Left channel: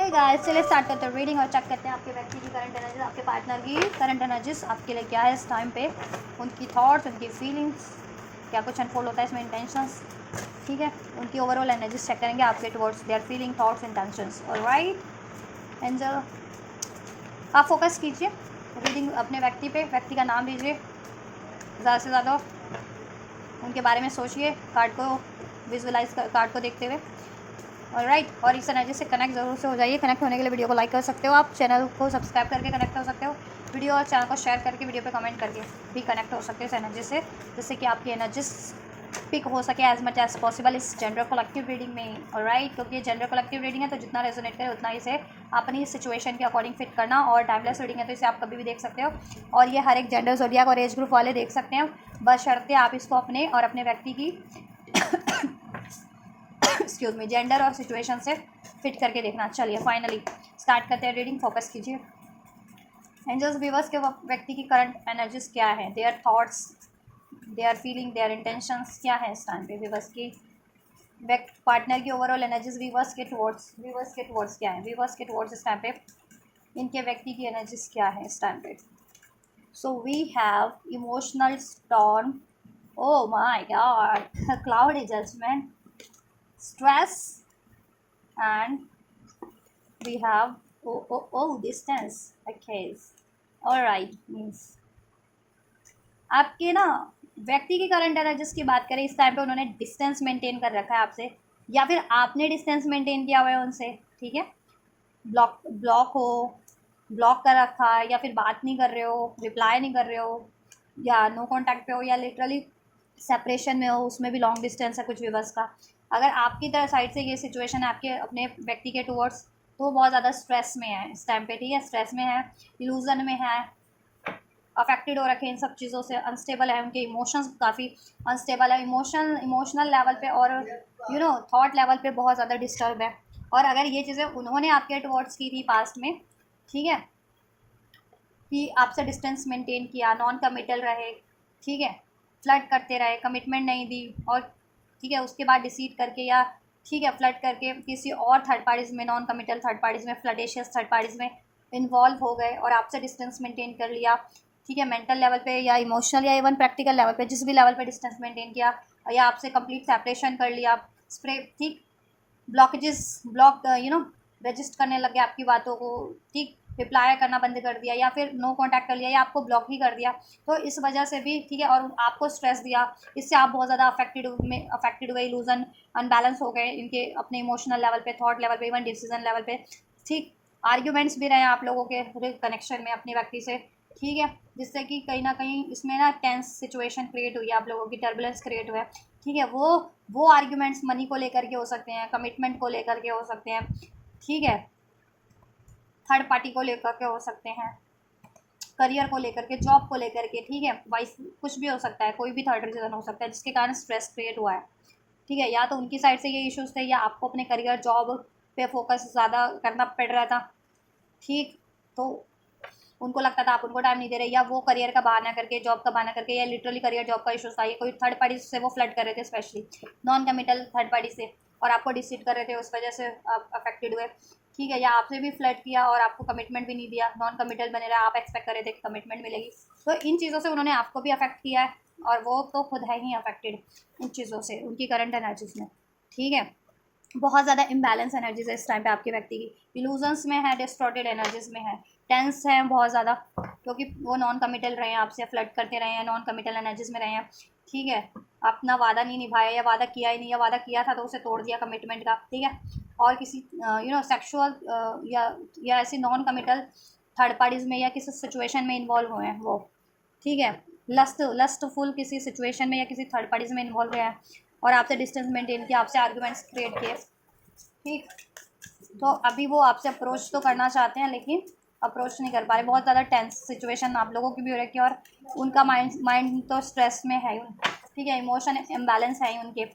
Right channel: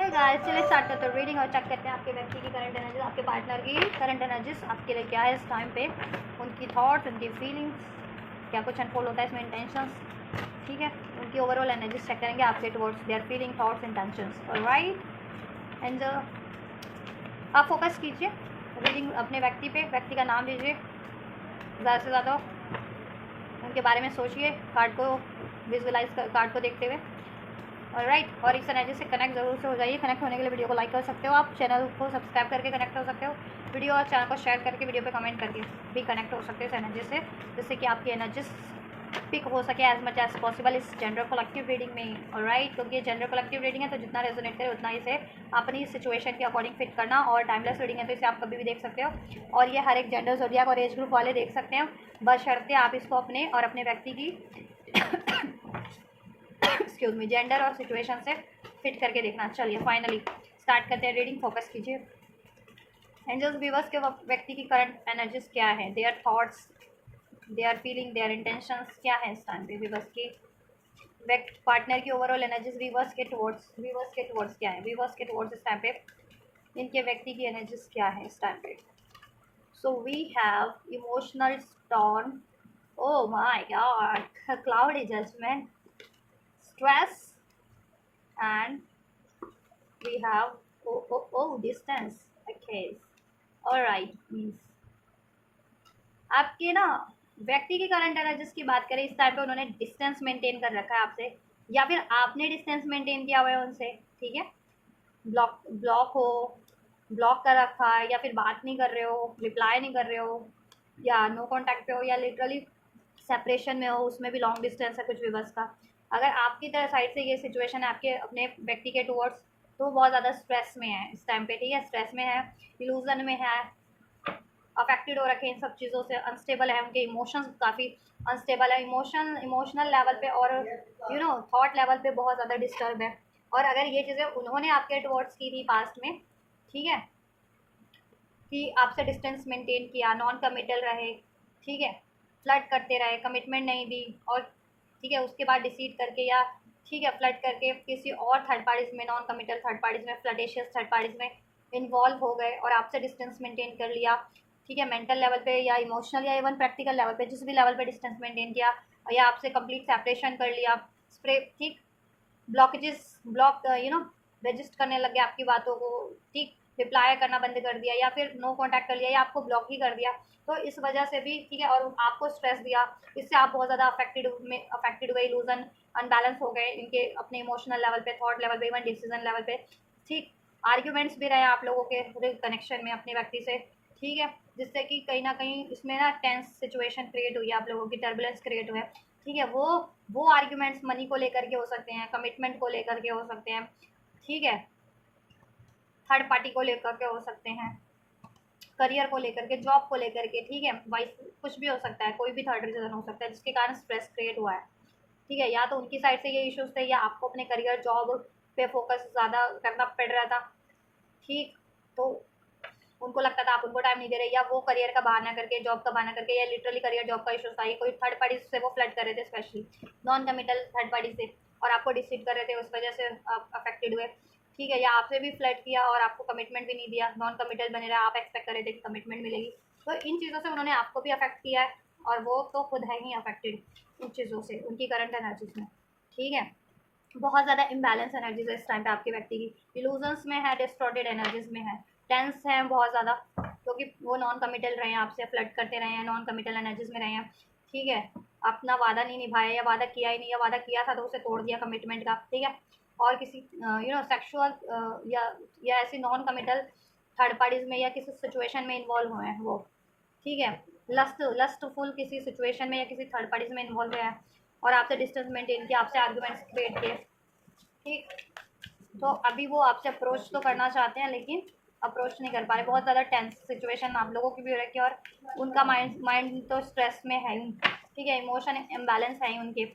Hey guys, चलिए start करते हैं रीडिंग और चेक करते हैं आपके व्यक्ति की करंट एनर्जीज, आपके पार्टनर की करंट एनर्जीज आपके लिए क्या है इस टाइम पे, उनकी थॉट्स, उनकी फीलिंग्स, क्या कुछ अनफोल्ड होता है इसमें, इंटेंशंस, ठीक है। उनकी ओवरऑल एनर्जीज चेक करेंगे आपके towards their feeling, thoughts, intentions. Alright angel, आप फोकस कीजिए रीडिंग अपने व्यक्ति पे, व्यक्ति का नाम लीजिए, ज़्यादा से ज़्यादा उनके बारे में सोचिए, कार्ड को विजुअलाइज कर, कार्ड को देखते हुए। ऑलराइट, और इस एनर्जी से कनेक्ट जरूर से हो जाइए। कनेक्ट होने के लिए वीडियो को लाइक कर सकते हो, आप चैनल को सब्सक्राइब करके कनेक्ट हो सकते हो, वीडियो और चैनल को शेयर करके, वीडियो पे कमेंट करके भी कनेक्ट हो सकते हो इस एनर्जी से, जिससे कि आपकी एनर्जी पिक हो सके एज मच एज पॉसिबल इस जेंडर कलेक्टिव रीडिंग में। ऑलराइट, क्योंकि ये जेंडर कलेक्टिव रीडिंग है तो जितना रेजोनेट करे उतना इसे अपनी सिचुएशन के अकॉर्डिंग फिट करना, और टाइमलेस रीडिंग है तो इसे आप कभी भी देख सकते हो, और ये हर एक जेंडर ज़ोडिएक और एज ग्रुप वाले देख सकते हैं, बशर्ते आप इसको अपने और अपने व्यक्ति की एक्सक्यूज मी जेंडर और सिचुएशन से फिट करके देखना। चलिए फाइनली स्टार्ट करते हैं रीडिंग, फोकस कीजिए। एंजल्स व्यूवर्स के व्यक्ति की करंट एनर्जीज क्या है, their thoughts, their feeling, their intentions क्या है इस टाइम पे, व्यूवर्स की पार्टनर की ओवरऑल एनर्जीज व्यूवर्स के टुवर्ड्स क्या है, व्यूवर्स के टुवर्ड्स इस टाइम पे इनके व्यक्ति की एनर्जीज क्या है इस टाइम पे। So we have emotional storm, oh my god, cloudy judgment, stress, and we have distance. Okay, all right, means आपके ना व्यक्ति की करंट एनर्जीज की बात करें इस टाइम पे, उन्होंने डिस्टेंस मेंटेन कर रखा है आपसे, या फिर आपने डिस्टेंस मेंटेन किया हुआ है उनसे, ठीक है। ब्लॉक ब्लॉक हो, ब्लॉक कर रखा है, या फिर बात नहीं कर रहे हो, रिप्लाई नहीं कर रहे हो, या नो कांटेक्ट पे हो, या लिटरली सेपरेशन में हो, उसमें भी लॉन्ग डिस्टेंस है कुछ विवर्स का। अगर आपकी तरह साइड से ये सिचुएशन है आपके अपने व्यक्ति के टुवर्ड्स, तो वो बहुत ज़्यादा स्ट्रेस में है इस टाइम पे, ठीक है। स्ट्रेस में है, इल्यूजन में है, अफेक्टेड हो रखे हैं इन सब चीज़ों से, अनस्टेबल है, उनके इमोशंस काफ़ी अनस्टेबल है, इमोशनल लेवल पे और थॉट लेवल पे बहुत ज़्यादा डिस्टर्ब है। और अगर ये चीज़ें उन्होंने आपके टुवर्ड्स की थी पास्ट में, ठीक है, कि आपसे डिस्टेंस मेंटेन किया, नॉन कमिटल रहे, ठीक है, फ्लर्ट करते रहे, कमिटमेंट नहीं दी, और ठीक है उसके बाद डिसीड करके, या ठीक है फ्लर्ट करके किसी और थर्ड पार्टीज में, नॉन कमिटल थर्ड पार्टीज में, फ्लर्टेशियस थर्ड पार्टीज में इन्वॉल्व हो गए और आपसे डिस्टेंस मेंटेन कर लिया, ठीक है, मेंटल लेवल पे या इमोशनल या इवन प्रैक्टिकल लेवल पे, जिस भी लेवल पे डिस्टेंस मेंटेन किया, या आपसे कंप्लीट सेपरेशन कर लिया, स्प्रे, ठीक, ब्लॉकेजेस, ब्लॉक रजिस्ट करने लगे आपकी बातों को, ठीक, रिप्लाई करना बंद कर दिया, या फिर नो कांटेक्ट कर लिया, या आपको ब्लॉक ही कर दिया, तो इस वजह से भी, ठीक है, और आपको स्ट्रेस दिया, इससे आप बहुत ज़्यादा अफेक्टेड हुए, इलूजन, अनबैलेंस हो गए इनके अपने इमोशनल लेवल पे, थॉट लेवल पे, इवन डिसीजन लेवल पे, ठीक। आर्ग्यूमेंट्स भी रहे आप लोगों के कनेक्शन में अपने व्यक्ति से, ठीक है, जिससे कि कहीं ना कहीं इसमें ना टेंस सिचुएशन क्रिएट हुई है, आप लोगों की टर्बुलेंस क्रिएट हुआ है, ठीक है। वो आर्ग्यूमेंट्स मनी को लेकर के हो सकते हैं, कमिटमेंट को लेकर के हो सकते हैं, ठीक है, थर्ड पार्टी को लेकर के हो सकते हैं, करियर को लेकर के, जॉब को लेकर के, ठीक है, वाइस कुछ भी हो सकता है, कोई भी थर्ड रीजन हो सकता है जिसके कारण स्ट्रेस क्रिएट हुआ है, ठीक है। या तो उनकी साइड से ये इश्यूज थे, या आपको अपने करियर जॉब पे फोकस ज़्यादा करना पड़ रहा था, ठीक, तो उनको लगता था आप उनको टाइम नहीं दे रहे, या वो करियर का बहाना करके, जॉब का बहाना करके, या लिटरली करियर जॉब का इशूज था, ये कोई थर्ड पार्टी से वो फ्लड कर रहे थे, specially non committal third party से, और आपको डिसीड कर रहे थे, उस वजह से आप अफेक्टेड हुए, ठीक है। या आपने भी फ्लड किया और आपको कमिटमेंट भी नहीं दिया, नॉन कमिटल बने रहा, आप एक्सपेक्ट कर रहे थे कि कमिटमेंट मिलेगी, तो इन चीज़ों से उन्होंने आपको भी अफेक्ट किया है, और वो तो खुद है ही अफेक्टेड इन चीज़ों से, उनकी करंट एनर्जीज में, ठीक है। बहुत ज़्यादा इम्बैलेंस एनर्जीज है इस टाइम पे आपकी व्यक्ति की, इल्यूजन्स में है, डिस्टॉर्टेड एनर्जीज में है, टेंस है बहुत ज़्यादा, क्योंकि वो नॉन कमिटल रहे हैं, आपसे फ्लर्ट करते रहे हैं, नॉन कमिटल एनर्जीज में रहे हैं, ठीक है, अपना वादा नहीं निभाया, या वादा किया ही नहीं, या वादा किया था तो उसे तोड़ दिया कमिटमेंट का, ठीक है, और किसी सेक्शुअल या ऐसी नॉन कमिटल थर्ड पार्टीज में, या किसी सिचुएशन में इन्वॉल्व हुए हैं वो, ठीक है, लस्टफुल किसी सिचुएशन में या किसी थर्ड पार्टीज में इन्वॉल्व हुए हैं, और आपसे डिस्टेंस मेंटेन किया, आपसे आर्ग्यूमेंट्स क्रिएट किए, ठीक। तो अभी वो आपसे अप्रोच तो करना चाहते हैं, लेकिन अप्रोच नहीं कर पा रहे, बहुत ज़्यादा टेंस सिचुएशन आप लोगों की भी हो रखी है, और उनका माइंड तो स्ट्रेस में है, ठीक है, इमोशन इम्बैलेंस है उनके,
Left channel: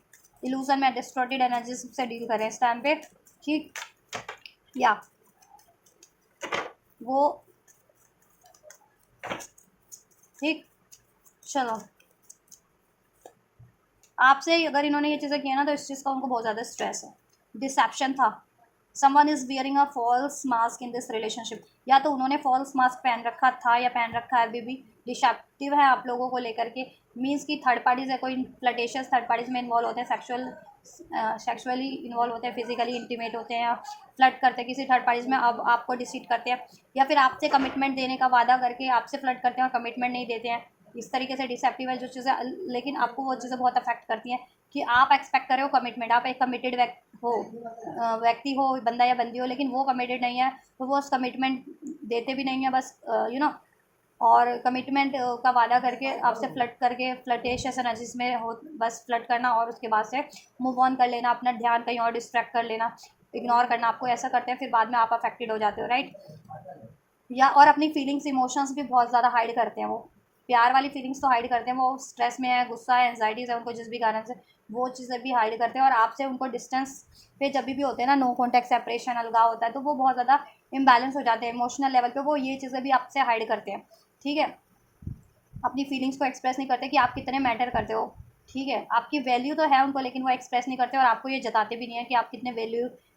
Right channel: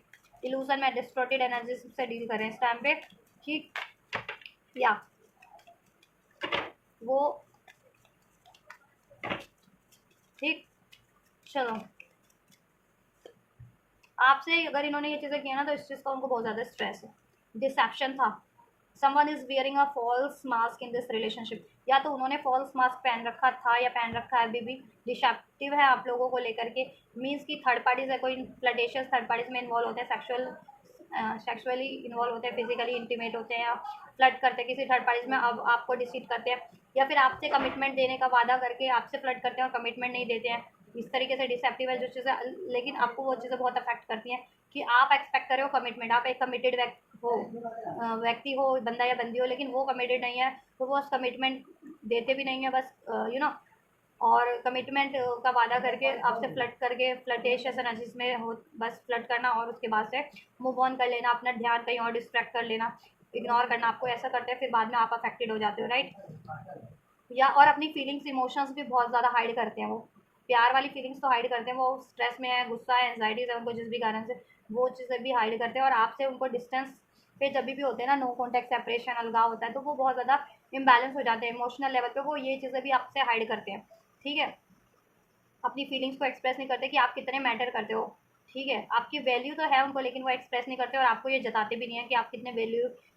इल्यूजन में डिस्टॉर्टेड एनर्जी से डील कर रहे हैं इस टाइम पे, ठीक, या वो, ठीक, चलो, आपसे अगर इन्होंने ये चीज़ें की है ना, तो इस चीज़ का उनको बहुत ज़्यादा स्ट्रेस है, डिसेप्शन था, someone is wearing a false mask in this relationship, या तो उन्होंने फॉल्स मास्क पहन रखा था या पहन रखा है, अभी भी डिसेप्टिव है आप लोगों को लेकर के। मीन्स कि थर्ड पार्टीज है, कोई फ्लर्टेशियस थर्ड पार्टीज में इन्वॉल्व होते हैं, सेक्सुअली इन्वॉल्व होते हैं, फिजिकली इंटीमेट होते हैं, या फ्लर्ट करते हैं किसी थर्ड पार्टीज में, अब आपको डिसीट करते हैं, या फिर आपसे कमिटमेंट देने का वादा करके आपसे फ्लर्ट करते हैं और कमिटमेंट नहीं देते हैं। इस तरीके से डिसेप्टिव है जो चीज़ें, लेकिन आपको वो चीज़ें बहुत अफेक्ट करती हैं कि आप एक्सपेक्ट कर रहे हो कमिटमेंट, आप एक कमिटेड व्यक्ति हो, बंदा या बंदी हो, लेकिन वो कमिटेड नहीं है, तो वो उस कमिटमेंट देते भी नहीं है, बस और कमिटमेंट का वादा करके आपसे फ्लर्ट करके फ्लर्टेशियस एनर्जीज में हो, बस फ्लर्ट करना और उसके बाद से मूव ऑन कर लेना, अपना ध्यान कहीं और डिस्ट्रैक्ट कर लेना, इग्नोर करना, आपको ऐसा करते हैं, फिर बाद में आप अफेक्टेड हो जाते हो, राइट। या और अपनी फीलिंग्स इमोशंस भी बहुत ज़्यादा हाइड करते हैं वो, प्यार वाली फीलिंग्स तो हाइड करते हैं, वो स्ट्रेस में है, गुस्सा है, एंजाइटीज़ है उनको जिस भी कारण से, वो चीज़ें भी हाइड करते हैं, और आपसे उनको डिस्टेंस पे जब भी होते हैं ना, नो कॉन्टैक्ट सेपरेशन अलगाव होता है, तो वो बहुत ज़्यादा इम्बैलेंस हो जाते हैं इमोशनल लेवल पे, वो ये चीज़ें भी आपसे हाइड करते हैं, ठीक है। अपनी फीलिंग्स को एक्सप्रेस नहीं करते कि आप कितने मैटर करते हो, ठीक है। आपकी वैल्यू तो है उनको, लेकिन वो एक्सप्रेस नहीं करते, और आपको ये जताते भी नहीं है कि आप कितने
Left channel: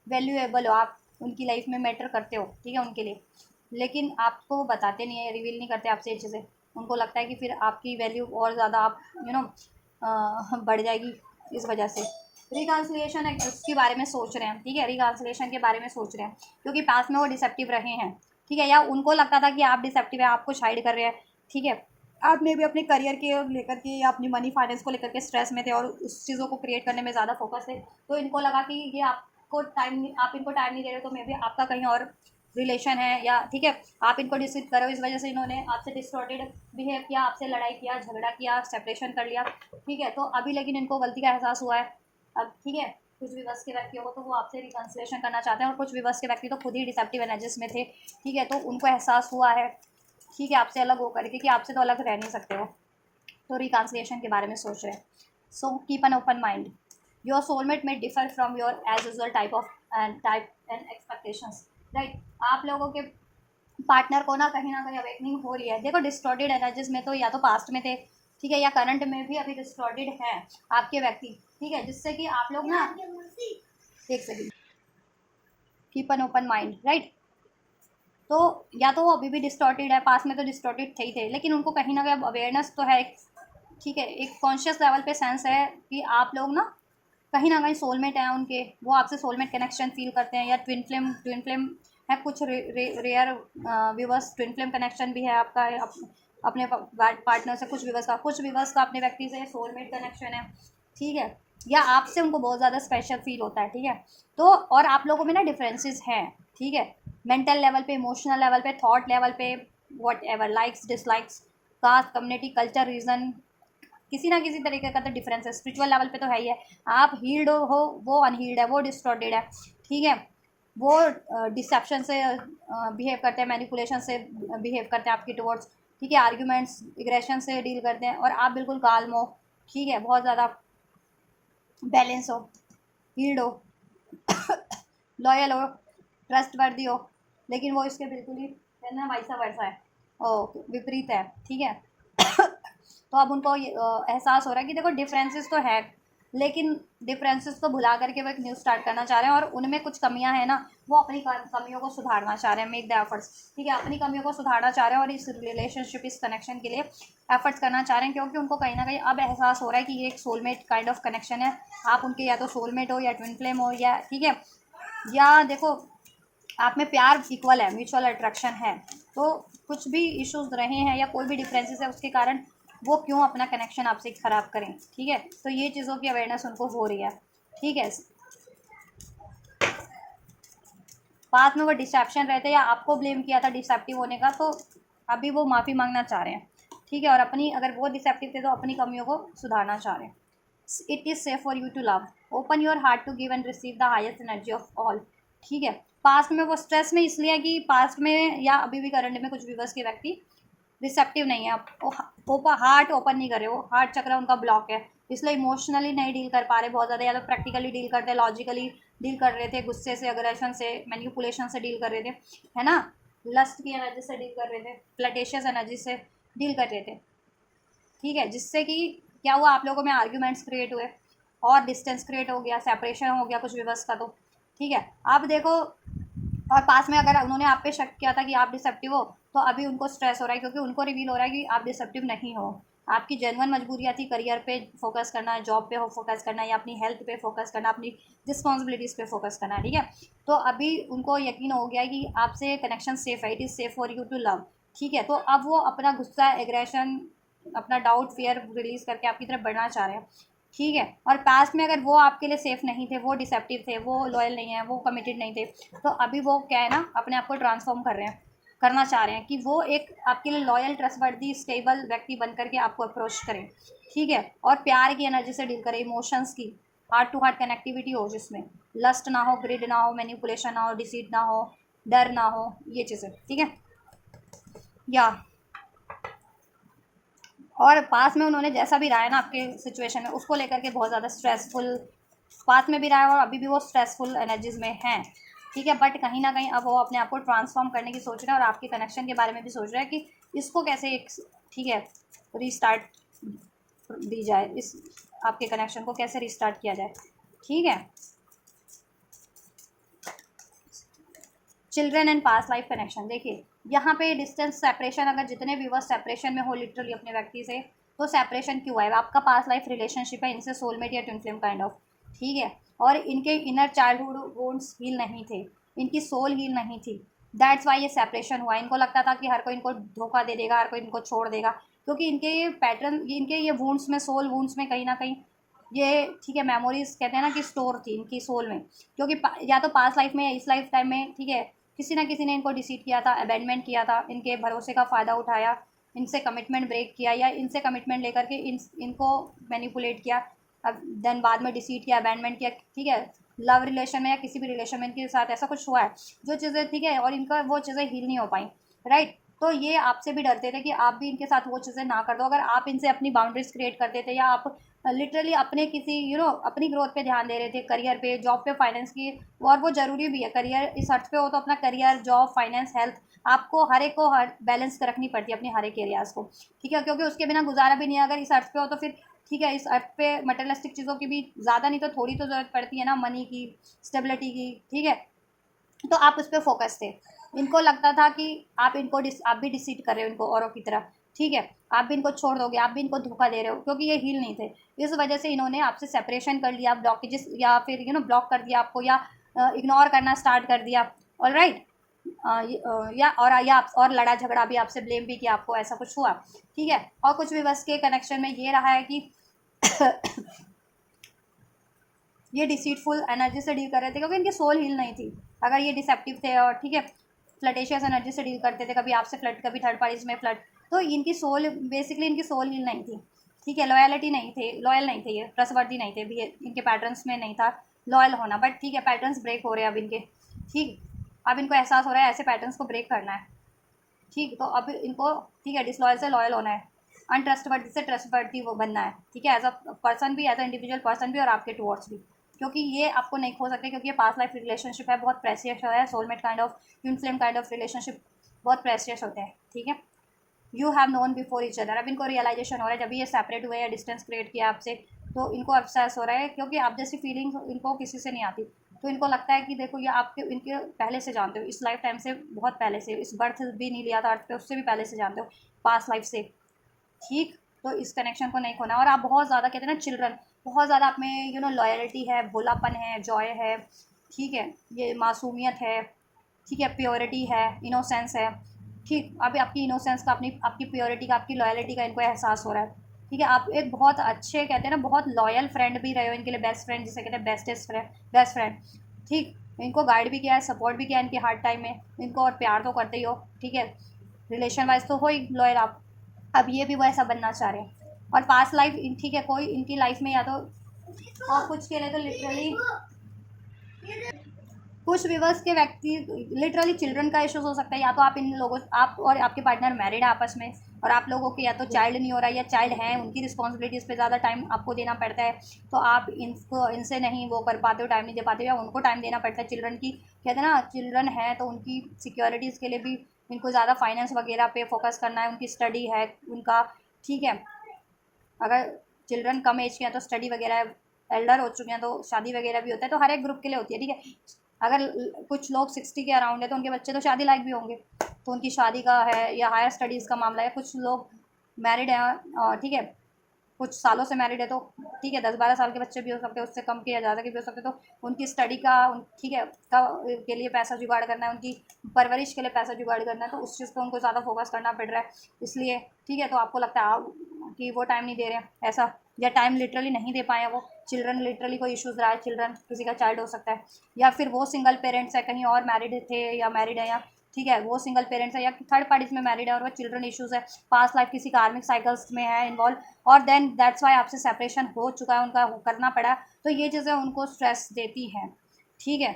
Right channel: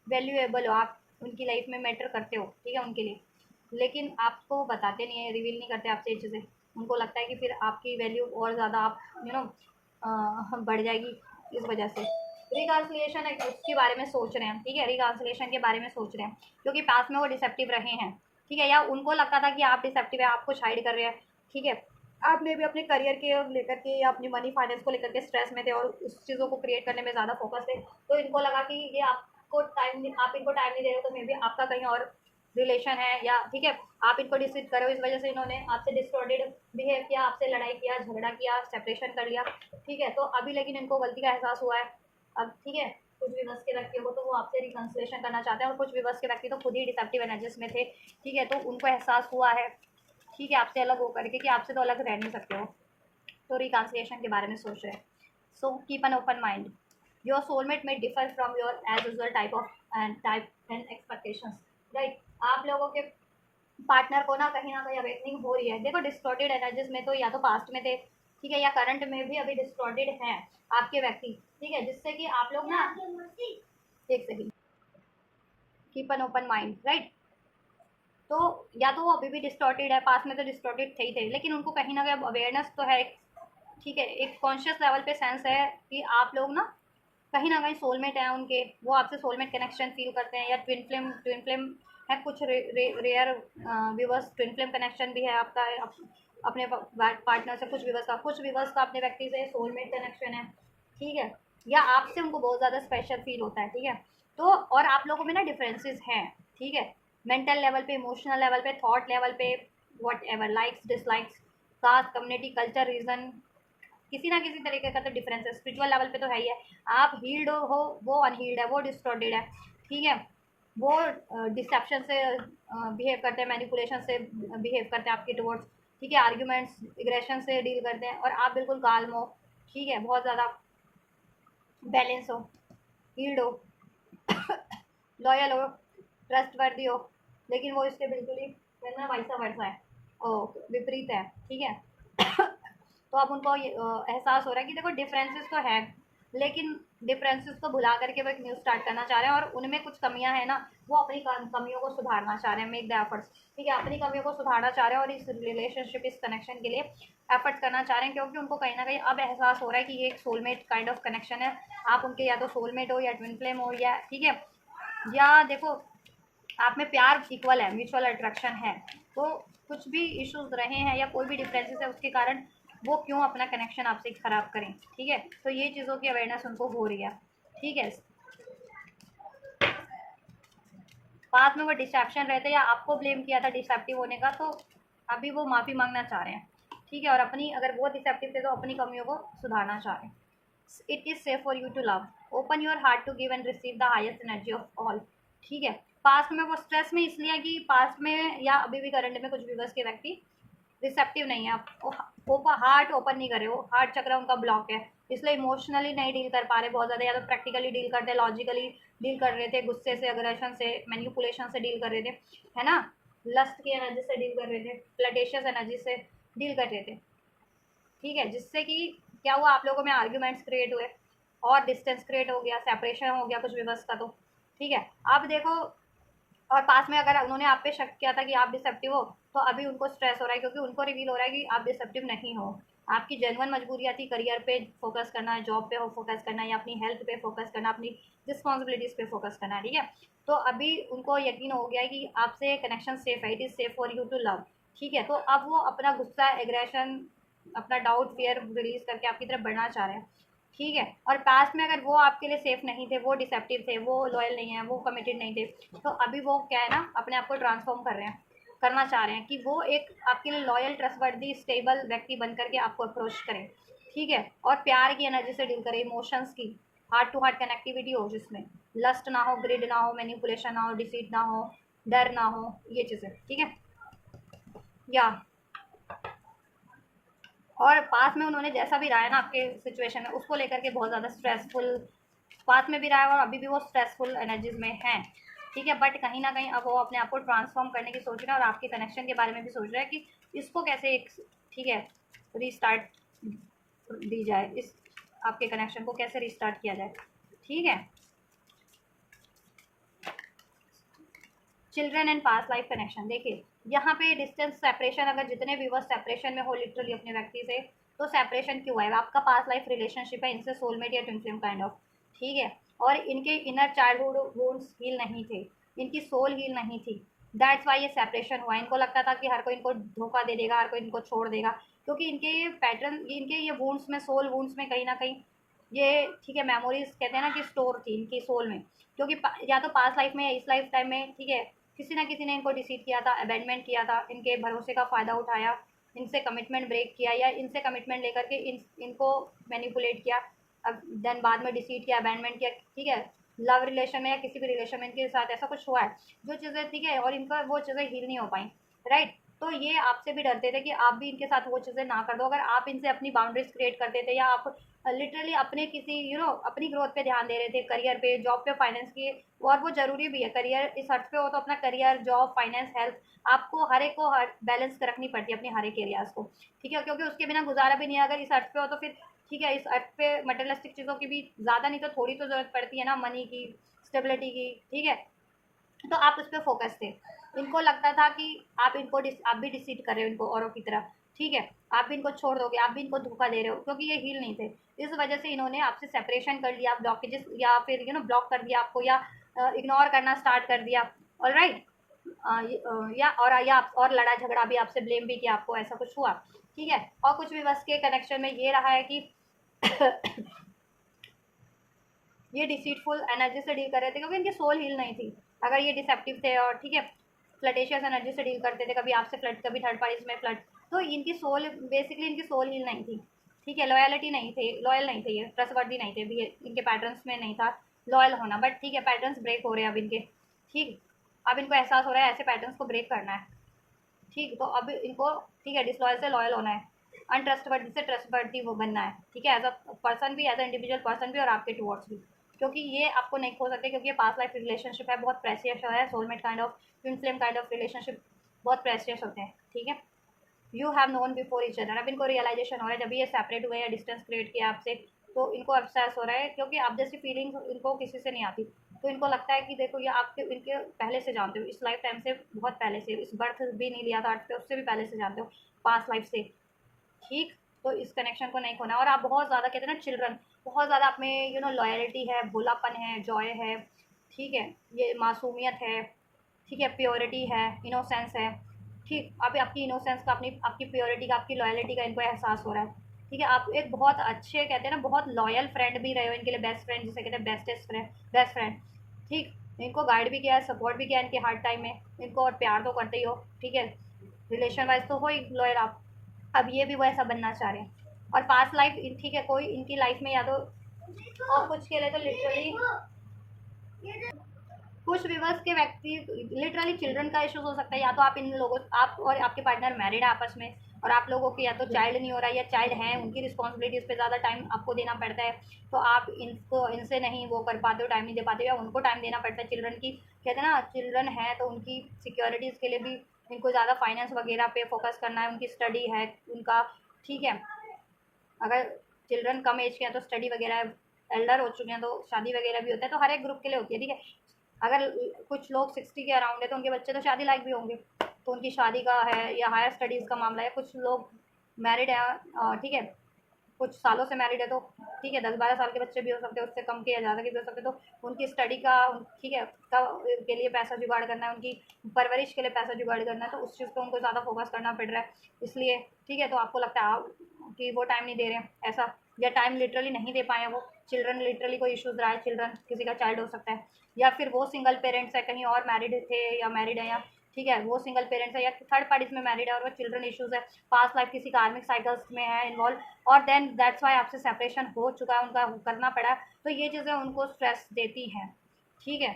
वैल्यूएबल हो, आप उनकी लाइफ में मैटर करते हो, ठीक है, उनके लिए। लेकिन आपको बताते नहीं है, रिवील नहीं करते आपसे ये चीज़ें, उनको लगता है कि फिर आपकी वैल्यू और ज़्यादा आप बढ़ जाएगी इस वजह से। रिकॉन्सिलिएशन है, उसके बारे में सोच रहे हैं, ठीक है, रिकॉन्सिलिएशन के बारे में सोच रहे हैं, क्योंकि पास में वो डिसेप्टिव रहे हैं, ठीक है, या उनको लगता था कि आप डिसेप्टिव है, आप कुछ हाइड कर रहे हैं, ठीक है। आप मे भी अपने करियर के लेकर के या अपनी मनी फाइनेंस को लेकर के स्ट्रेस में थे, और उस चीज़ों को क्रिएट करने में ज़्यादा फोकस थे, तो इनको लगा कि ये आपको टाइम, आप इनको टाइम नहीं दे रहे, तो मे बी आपका कहीं और रिलेशन है, या ठीक है, आप इनको डिसीव करो, इस वजह से इन्होंने आपसे डिस्टॉर्टेड बिहेव किया, आपसे लड़ाई किया, झगड़ा किया, सेपरेशन कर लिया, ठीक है। तो अभी लेकिन इनको गलती का एहसास हुआ है अब, ठीक है। कुछ विवश के व्यक्ति हो तो वो आपसे रिकन्सिलेशन करना चाहते हैं, और कुछ विवश के व्यक्ति तो खुद ही डिसेप्टिव एनर्जीज में थे, ठीक है, तो उनको एहसास हुआ है, ठीक है, आपसे अलग होकर के कि आपसे तो अलग रह नहीं सकते हो, तो रिकन्सिलिएशन के बारे में सोच रहे हैं। So keep an open mind, your soulmate may differ from your age usual type and expectations, right. आप लोगों के पार्टनर को ना कहीं अवेकनिंग हो रही है, देखो डिस्टॉर्टेड एनर्जीज में तो या तो पास्ट में थे, ठीक है, या करंट में भी अभी डिस्टॉर्टेड हैं आपके व्यक्ति, ठीक है, जिससे कि आप लोग ना, एक second, keep an open mind, right. तो या तो वो अभी भी डिस्टॉर्टेड है, पास में तो डिस्टॉर्टेड थे ही थे, लेकिन उनको कहीं ना कहीं अवेयरनेस तो है, ठीक है, एक कॉन्शियस लेवल पे सेंस है कि आप लोग ना कहीं सोलमेट हैं उनके, वो आपसे सोलमेट कनेक्शन फील करते हैं, या ट्विन फ्लेम है, कुछ rare viewers twin flame connection भी है आपका, अपने पार्टनर से, कुछ व्यूवर्स का अपने व्यक्ति से सोलमेट कनेक्शन है, ठीक है, या आपसे उनको बहुत ज़्यादा स्पेशल फील होता है, ठीक है। तो और आप लोगों में ना डिफरेंसेस हैं, ठीक है, मेंटल लेवल पे, इमोशनल लेवल पे, थॉट लेवल पे, whatever, likes dislikes, caste, community, culture, region, किसी ना किसी तरीके का तो डिफरेंस है, स्पिरिचुअल लेवल पे तो है ही है। आप हील्ड हो, वो अनहील्ड है, वो डिस्टॉर्टेड है, ठीक है, वो डिसेप्शन से बिहेव करते हैं, मैनिपुलेशन से बिहेव करते हैं आपके टुवर्ड्स, ठीक है, आर्ग्यूमेंट्स, एग्रेशन से डील करते हैं, और आप बिल्कुल काल्म हो, ठीक है, बहुत ज़्यादा बैलेंस हो, हील्ड हो, लॉयल हो, ट्रस्ट वर्दी हो, लेकिन वो इसके बिल्कुल ही कहना वैसा वैसा है, ओ विपरीत है, ठीक है। तो अब उनको ये एहसास हो रहा है कि देखो डिफरेंसेस तो है, लेकिन डिफरेंसेस को भुला करके वो एक न्यू स्टार्ट करना चाह रहे हैं, और उनमें कुछ कमियां हैं ना, वो अपनी कमियों को सुधारना चाह रहे हैं, मेक द एफर्ट्स, ठीक है, अपनी कमियों को सुधारना चाह रहे हैं, और इस रिलेशनशिप, इस कनेक्शन के लिए एफर्ट्स करना चाह रहे हैं, क्योंकि उनको कहीं ना कहीं अब एहसास हो रहा है कि ये एक सोलमेट काइंड ऑफ कनेक्शन है, आप उनके या तो सोलमेट हो, या ट्विन फ्लेम हो, या ठीक है, या देखो आप में प्यार इक्वल है, म्यूचुअल अट्रैक्शन है, तो कुछ भी इश्यूज रहे हैं या कोई भी डिफरेंसेस है उसके कारण वो क्यों अपना कनेक्शन आपसे ख़राब करें, ठीक है, तो ये चीज़ों की अवेयरनेस उनको हो रही है, ठीक है। बाद में वो डिसेप्शन रहते या आपको ब्लेम किया था डिसेप्टिव होने का, तो अभी वो माफ़ी मांगना चाह रहे हैं, ठीक है, और अपनी, अगर वो डिसेप्टिव थे तो अपनी कमियों को सुधारना चाह रहे हैं। It is safe for you to love, open your heart to give and receive the highest energy of all, ठीक है। पास्ट में वो स्ट्रेस में इसलिए है कि पास्ट में या अभी भी करंट में कुछ विवर्स के व्यक्ति रिसेप्टिव नहीं है, वो हार्ट ओपन नहीं कर रहे, वो हार्ट चक्र उनका ब्लॉक है, इसलिए इमोशनली नहीं डील कर पा रहे बहुत ज़्यादा, या तो प्रैक्टिकली डील करते, लॉजिकली डील कर रहे थे, गुस्से से, अग्रेशन से, मैनिपुलेशन से डील कर रहे थे, है ना, लस्ट की एनर्जी से डील कर रहे थे, फ्लटेशियस एनर्जी से डील कर रहे थे, ठीक है, जिससे कि क्या हुआ, आप लोगों में आर्ग्यूमेंट्स क्रिएट हुए, और डिस्टेंस क्रिएट हो गया, सेपरेशन हो गया कुछ विवर्स का, तो ठीक है। आप देखो, और पास में अगर उन्होंने आप पे शक किया था कि आप डिसेप्टिव हो, तो अभी उनको स्ट्रेस हो रहा है क्योंकि उनको रिवील हो रहा है कि आप डिसेप्टिव नहीं हो। आपकी जेन्युइन मजबूरियाँ थी करियर पे फोकस करना है, जॉब पे हो फोकस करना है, या अपनी हेल्थ पे फोकस करना, अपनी रिस्पॉन्सिबिलिटीज़ पे फोकस करना है, ठीक है। तो अभी उनको यकीन हो गया है कि आपसे कनेक्शन सेफ है, it is safe for you to love, ठीक है। तो अब वो अपना गुस्सा, एग्रेशन, अपना डाउट, फियर रिलीज करके आपकी तरफ बढ़ना चाह रहे हैं, ठीक है। और पास्ट में अगर वो आपके लिए सेफ नहीं थे, वो डिसेप्टिव थे, वो लॉयल नहीं है, वो कमिटेड नहीं थे, तो अभी वो क्या है ना, अपने आप को ट्रांसफॉर्म कर रहे हैं, करना चाह रहे हैं कि वो एक आपके लिए लॉयल, ट्रस्टवर्दी, स्टेबल व्यक्ति बन करके आपको अप्रोच करें, ठीक है। और प्यार की एनर्जी से डील करें, इमोशंस की, हार्ट टू हार्ट कनेक्टिविटी हो, जिसमें लस्ट ना हो, ग्रिड ना हो, मैनिपुलेशन ना हो, डिसीट ना हो, डर ना हो, ये चीज़ें, ठीक है। या और पास में उन्होंने जैसा भी रहा है ना आपके सिचुएशन में, उसको लेकर के बहुत ज़्यादा स्ट्रेसफुल पास में भी रहा है और अभी भी वो स्ट्रेसफुल एनर्जीज में हैं, ठीक है। बट कहीं ना कहीं अब वो अपने आप को ट्रांसफॉर्म करने की सोच रहे हैं और आपके कनेक्शन के बारे में भी सोच रहे हैं कि इसको कैसे एक, ठीक है, रीस्टार्ट दी जाए, इस आपके कनेक्शन को कैसे रीस्टार्ट किया जाए, ठीक है। Children and past life connection, देखिए यहाँ पे डिस्टेंस सेपरेशन, अगर जितने व्यूवर्स सेपरेशन में हो लिटरली अपने व्यक्ति से, तो सेपरेशन क्यों है, आपका पास्ट लाइफ रिलेशनशिप है इनसे, सोलमेट या ट्विन फ्लेम काइंड ऑफ, ठीक है। और इनके इनर चाइल्डहुड वोन्स हील नहीं थे, इनकी सोल हील नहीं थी, दैट्स वाई ये सेपरेशन हुआ। इनको लगता था कि हर कोई इनको धोखा दे देगा, हर कोई इनको छोड़ देगा, क्योंकि इनके ये पैटर्न, इनके ये वूंड्स में, सोल वूंड्स में कहीं ना कहीं ये, ठीक है, मेमोरीज कहते हैं ना कि स्टोर थी इनकी सोल में, क्योंकि या तो पास्ट लाइफ में या इस लाइफ टाइम में, ठीक है, किसी ना किसी ने इनको डिसीट किया था, अबेंडमेंट किया था, इनके भरोसे का फ़ायदा उठाया, इनसे कमिटमेंट ब्रेक किया, या इनसे कमिटमेंट लेकर के इनको मैनिपुलेट किया, अब देन बाद में डिसीट किया, अबेंडमेंट किया, ठीक है। लव रिलेशन में या किसी भी रिलेशन में इनके साथ ऐसा कुछ हुआ है जो चीज़ें, ठीक है, और इनका वो चीज़ें हील नहीं हो पाई, राइट। तो ये आपसे भी डरते थे कि आप भी इनके साथ वो चीज़ें ना कर दो, अगर आप इनसे अपनी बाउंड्रीज क्रिएट करते थे, या आप लिटरली अपने किसी अपनी ग्रोथ पे ध्यान दे रहे थे, करियर पे, जॉब पे, फाइनेंस की, और वो ज़रूरी भी है, करियर इस अर्थ पे हो तो अपना करियर, जॉब, फाइनेंस, हेल्थ, आपको हर एक को हर बैलेंस कर रखनी पड़ती है अपने हर एक एरियाज़ को, ठीक है, क्योंकि उसके बिना गुजारा भी नहीं है अगर इस अर्थ पे हो तो फिर, ठीक है। इस अर्थ पे मटेरियलिस्टिक चीज़ों की भी ज़्यादा नहीं तो थोड़ी तो ज़रूरत पड़ती है ना, मनी की, स्टेबिलिटी की, ठीक है। तो आप उस पर फोकस थे, इनको लगता था कि आप इनको आप भी डिसीट कर रहे हो इनको औरों की तरह, ठीक है, आप भी इनको छोड़ दोगे, आप भी इनको धोखा दे रहे हो, क्योंकि ये हील नहीं थे। इस वजह से इन्होंने आपसे सेपरेशन कर लिया, ब्लॉकेजेस, या फिर ब्लॉक कर दिया आपको, या इग्नोर करना स्टार्ट कर दिया, ऑल राइट। और लड़ा झगड़ा भी आपसे, ब्लेम भी किया आपको, ऐसा कुछ हुआ, ठीक है। और कुछ भी बस के कनेक्शन में ये रहा है कि ये डिसीटफुल एनर्जी से डील कर रहे थे क्योंकि इनकी सोल हील नहीं थी, अगर ये डिसेप्टिव थे और, ठीक है, फ्लटेशियस एनर्जी से डील करते थे, कभी आपसे फ्लड, कभी थर्ड पार्टीज में फ्लड, तो इनकी सोल, बेसिकली इनकी सोल हील नहीं थी, ठीक है। लॉयलिटी नहीं थे, लॉयल नहीं थे, ये ट्रस्टवर्दी नहीं थे भी, इनके पैटर्न्स में नहीं था लॉयल होना, बट ठीक है, पैटर्न्स ब्रेक हो रहे हैं अब इनके, ठीक। अब इनको एहसास हो रहा है ऐसे पैटर्न्स को ब्रेक करना है, ठीक। तो अब इनको, ठीक है, डिसलॉयल से लॉयल होना है, अनट्रस्टवर्दी से ट्रस्टवर्दी वो बनना है, ठीक है, एज अ पर्सन भी, एज अ इंडिविजुअल पर्सन भी, और आपके टुवर्ड्स भी, क्योंकि ये आपको नहीं खो सकते, क्योंकि ये पास्ट लाइफ रिलेशनशिप है, बहुत प्रेसियस है, soulmate kind of, twin flame kind of relationship बहुत प्रेसियस होते हैं, ठीक है। You have known before each other, अब इनको रियलाइजेशन हो रहा है, जब ये सेपरेट हुए या डिस्टेंस क्रिएट किया आपसे, तो इनको अफसोस हो रहा है, क्योंकि आप जैसी फीलिंग इनको किसी से नहीं आती, तो इनको लगता है कि देखो ये आपके, इनके पहले से जानते हो, इस लाइफ टाइम से, बहुत पहले से, इस बर्थ भी नहीं लिया था अर्थ पे, उससे भी पहले से जानते हो, पास्ट लाइफ से, ठीक। तो इस कनेक्शन को नहीं खोना, और आप बहुत ज़्यादा, कहते हैं ना चिल्ड्रन, बहुत ज़्यादा आप में लॉयल्टी है, भोलापन है, जॉय है, ठीक है, ये मासूमियत है, ठीक है, प्योरिटी है, इनोसेंस है, ठीक। अभी आपकी इनोसेंस का, अपनी आपकी प्योरिटी का, आपकी लॉयल्टी का इनको एहसास हो रहा है, ठीक है। आप एक बहुत अच्छे, कहते हैं ना, बहुत लॉयल फ्रेंड भी रहे हो इनके लिए, बेस्ट फ्रेंड जिसे कहते हैं, बेस्टेस्ट फ्रेंड, बेस्ट फ्रेंड, ठीक। इनको गाइड भी किया है, सपोर्ट भी किया है इनके हार्ड टाइम में, इनको और प्यार तो करते ही हो, ठीक है, रिलेशन वाइज तो हो ही लॉयल आप। अब ये भी वो ऐसा बनना चाह रहे हैं, और पास्ट लाइफ, ठीक है, कोई इनकी लाइफ में या तो, और कुछ के लिए तो लिटरली, कुछ विवर्स के व्यक्ति लिटरली चिल्ड्रन का इश्यूज हो सकता है, या तो आप इन लोगों, आप और आपके पार्टनर मैरिड है आपस में, और आप लोगों की या तो चाइल्ड नहीं हो रहा है, या चाइल्ड है, उनकी रिस्पॉन्सिबिलिटीज़ पे ज़्यादा टाइम आपको देना पड़ता है, तो आप इनको, इनसे नहीं वो कर पाते हो, टाइम नहीं दे पाते हो, या उनको टाइम देना पड़ता है, चिल्ड्रन की, कहते हैं ना, चिल्ड्रन है तो उनकी सिक्योरिटीज़ के लिए भी इनको ज़्यादा फाइनेंस वगैरह पे फोकस करना है, उनकी स्टडी है उनका, ठीक है। अगर चिल्ड्रन कम एज के हैं तो स्टडी वगैरह, एल्डर हो चुके हैं तो शादी वगैरह भी होता है, तो हर एक ग्रुप के लिए होती है, ठीक है। अगर कुछ लोग 60 के अराउंड है तो उनके बच्चे तो शादी लायक भी होंगे, तो उनकी शादी का है या हायर स्टडीज़ का मामला है। कुछ लोग मैरिड हैं, ठीक है, कुछ सालों से मैरिड है तो ठीक है, 10-12 साल के बच्चे भी हो सकते हैं, उससे कम के या ज़्यादा के भी हो सकते हैं, तो उनकी स्टडी का ठीक है का के लिए पैसा जुगाड़ करना है, उनकी परवरिश के लिए पैसा जुगाड़ करना है, तो उस चीज़ पे उनको ज़्यादा फोकस करना पड़ रहा है। इसलिए ठीक है, तो आपको लगता है आप कि वो टाइम नहीं दे रहे हैं ऐसा, या टाइम लिटरली नहीं दे पाए हैं वो, चिल्ड्रन लिटरली कोई इश्यूज़ रहा है, चिल्ड्रन किसी का चाइल्ड हो सकता है, या फिर वो सिंगल पेरेंट्स है, कहीं और मैरिड थे या मैरिड है, या ठीक है वो सिंगल पेरेंट्स है या थर्ड पार्टीज में मैरिड है और वो चिल्ड्रन इश्यूज़ है, पास्ट लाइफ किसी कार्मिक साइकिल्स में है इन्वॉल्व, और देन दैट्स वाई आपसे सेपरेशन हो चुका है, उनका करना पड़ा, तो ये चीज़ें उनको स्ट्रेस देती हैं। ठीक है,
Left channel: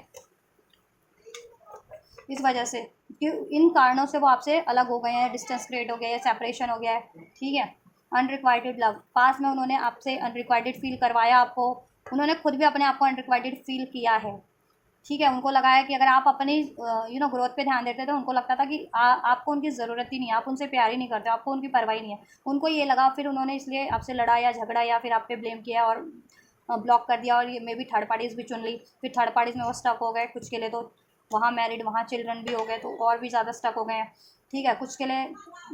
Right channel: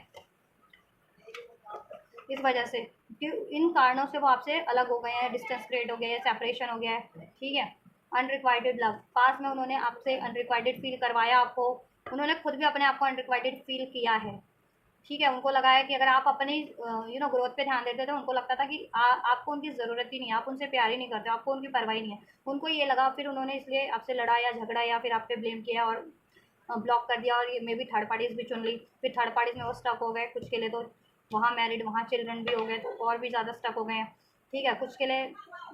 इस वजह से कि इन कारणों से वो आपसे अलग हो गए हैं, डिस्टेंस क्रिएट हो गया है, सेपरेशन हो गया है। ठीक है, अनरिक्वाइटेड लव, पास में उन्होंने आपसे अनरिक्वाइटेड फील करवाया आपको, उन्होंने खुद भी अपने आप को अनरिक्वाइटेड फील किया है। ठीक है, उनको लगा है कि अगर आप अपनी ग्रोथ पे ध्यान देते तो उनको लगता था कि आपको उनकी ज़रूरत ही नहीं है, आप उनसे प्यार ही नहीं करते, आपको उनकी परवाह ही नहीं है, उनको ये लगा, फिर उन्होंने इसलिए आपसे लड़ा या झगड़ा या फिर आप पे ब्लेम किया और ब्लॉक कर दिया, और ये मे बी थर्ड पार्टीज़ भी चुन ली, फिर थर्ड पार्टीज़ में वो स्टक हो गए कुछ के लिए, तो वहाँ मैरिड वहाँ चिल्ड्रन भी हो गए, तो और भी ज़्यादा स्टक हो गए हैं। ठीक है, कुछ के लिए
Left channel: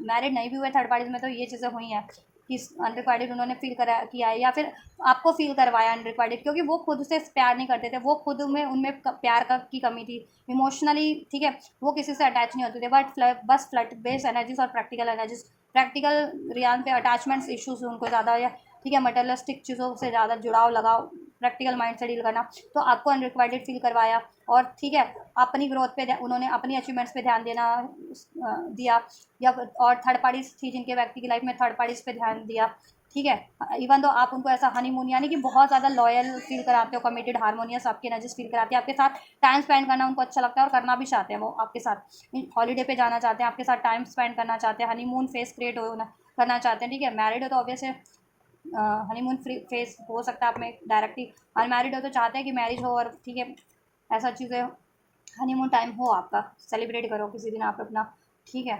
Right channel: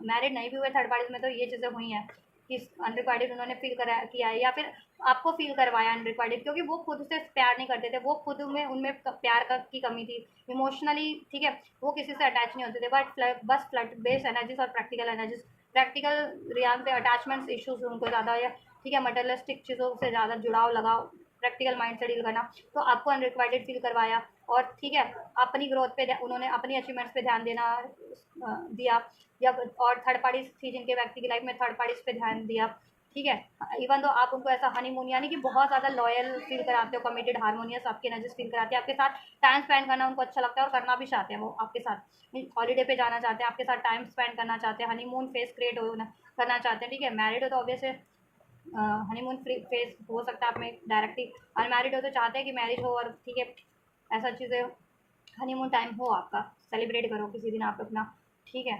मैरिड नहीं भी हुए थर्ड पार्टीज़ में, तो ये चीज़ें हुई हैं कि अनरिक्वाइटेड उन्होंने फील करा किया है, या फिर आपको फील करवाया अनरिक्वाइटेड, क्योंकि वो खुद से प्यार नहीं करते थे, वो खुद में उनमें प्यार का की कमी थी इमोशनली। ठीक है, वो किसी से अटैच नहीं होते थे, बट बस फ्लड बेस्ड एनर्जीज और प्रैक्टिकल एनर्जीज, प्रैक्टिकल रियान पे अटैचमेंट्स इश्यूज उनको ज़्यादा, या ठीक है मटेरियलिस्टिक चीज़ों से ज़्यादा जुड़ाव लगाओ, प्रैक्टिकल माइंड से डील करना, तो आपको अनरिक्वाइटेड फील करवाया। और ठीक है, अपनी ग्रोथ पे उन्होंने अपनी अचीवमेंट्स पे ध्यान देना दिया, या और थर्ड पार्टीज थी जिनके व्यक्ति की लाइफ में थर्ड पार्टीज पे ध्यान दिया। ठीक है, इवन तो आप उनको ऐसा हनीमून यानी कि बहुत ज़्यादा लॉयल फील कराते हो, कमिटेड हारमोनियस आपकी एनर्जीज फील कराती है, आपके साथ टाइम स्पेंड करना उनको अच्छा लगता है और करना भी चाहते हैं, वो आपके साथ हॉलीडे पे जाना चाहते हैं, आपके साथ टाइम स्पेंड करना चाहते हैं, हनीमून फेस क्रिएट हो करना चाहते हैं। ठीक है, मैरिड हो तो ऑब्वियस है हनीमून फ्री फेस हो सकता है आप में डायरेक्टली, अनमैरिड हो तो चाहते हैं कि मैरिज हो और ठीक है ऐसा चीज़ें हनीमून टाइम हो आपका, सेलिब्रेट करो किसी दिन आप अपना। ठीक है,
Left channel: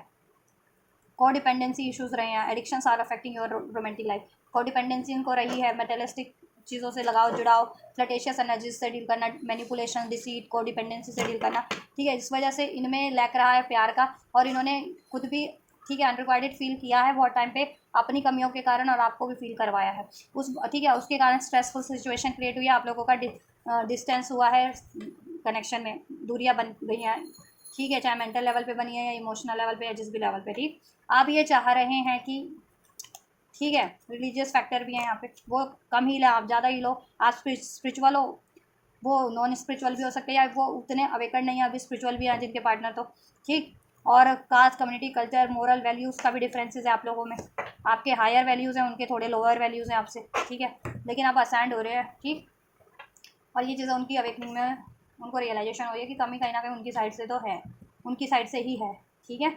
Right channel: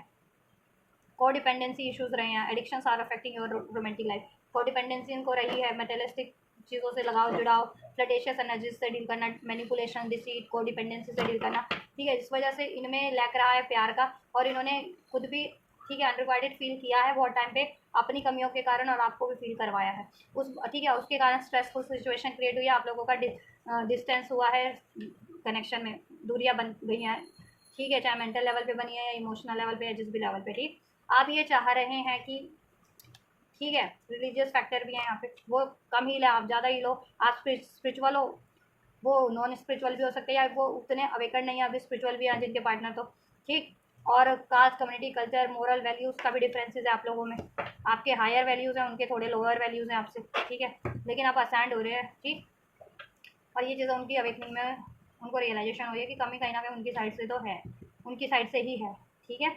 को डिपेंडेंसी इश्यूज रहे हैं, addictions are affecting your romantic life, को डिपेंडेंसी इनको रही है, मेटेलिस्टिक चीज़ों से लगाव जुड़ाव, फ्लटेशियस एनर्जीज से डील करना, मैनिपुलेशन डिसीट, को डिपेंडेंसी से डील करना। ठीक है, इस वजह से इनमें लैक रहा है प्यार का, और इन्होंने खुद भी ठीक है अनरिक्वाइटेड फील किया है बहुत टाइम पे अपनी कमियों के कारण, और आपको भी फील करवाया है उस, ठीक है उसके कारण स्ट्रेसफुल सिचुएशन क्रिएट हुई है, आप लोगों का डिस्टेंस हुआ है, कनेक्शन में दूरियां बन गई हैं। ठीक है, चाहे मेंटल लेवल पे बनी है या इमोशनल लेवल पे या जिस भी लेवल पे। ठीक, आप ये चाह रहे हैं कि ठीक है रिलीजियस फैक्टर भी है यहाँ पे, वो कम ही ले आप ज़्यादा ही लो, आप स्पिरिचुअल हो, वो नॉन स्पिरिचुअल भी हो सकते हैं, या वो उतने अवेकन नहीं है अभी स्पिरिचुअल भी हैं जिनके पार्टनर, तो ठीक। और cast community culture moral values का भी डिफरेंसेस है आप लोगों में, आपके हायर वैल्यूज़ हैं उनके थोड़े लोअर वैल्यूज़ हैं आपसे। ठीक है, लेकिन आप असाइंड हो रहे हैं। ठीक, और ये चीज़ें उनकी अवेकनिंग में उनको रियलाइजेशन हो रही है कि कमी कहीं ना कहीं उनकी साइड से तो है, उनकी साइड से ही है। ठीक है,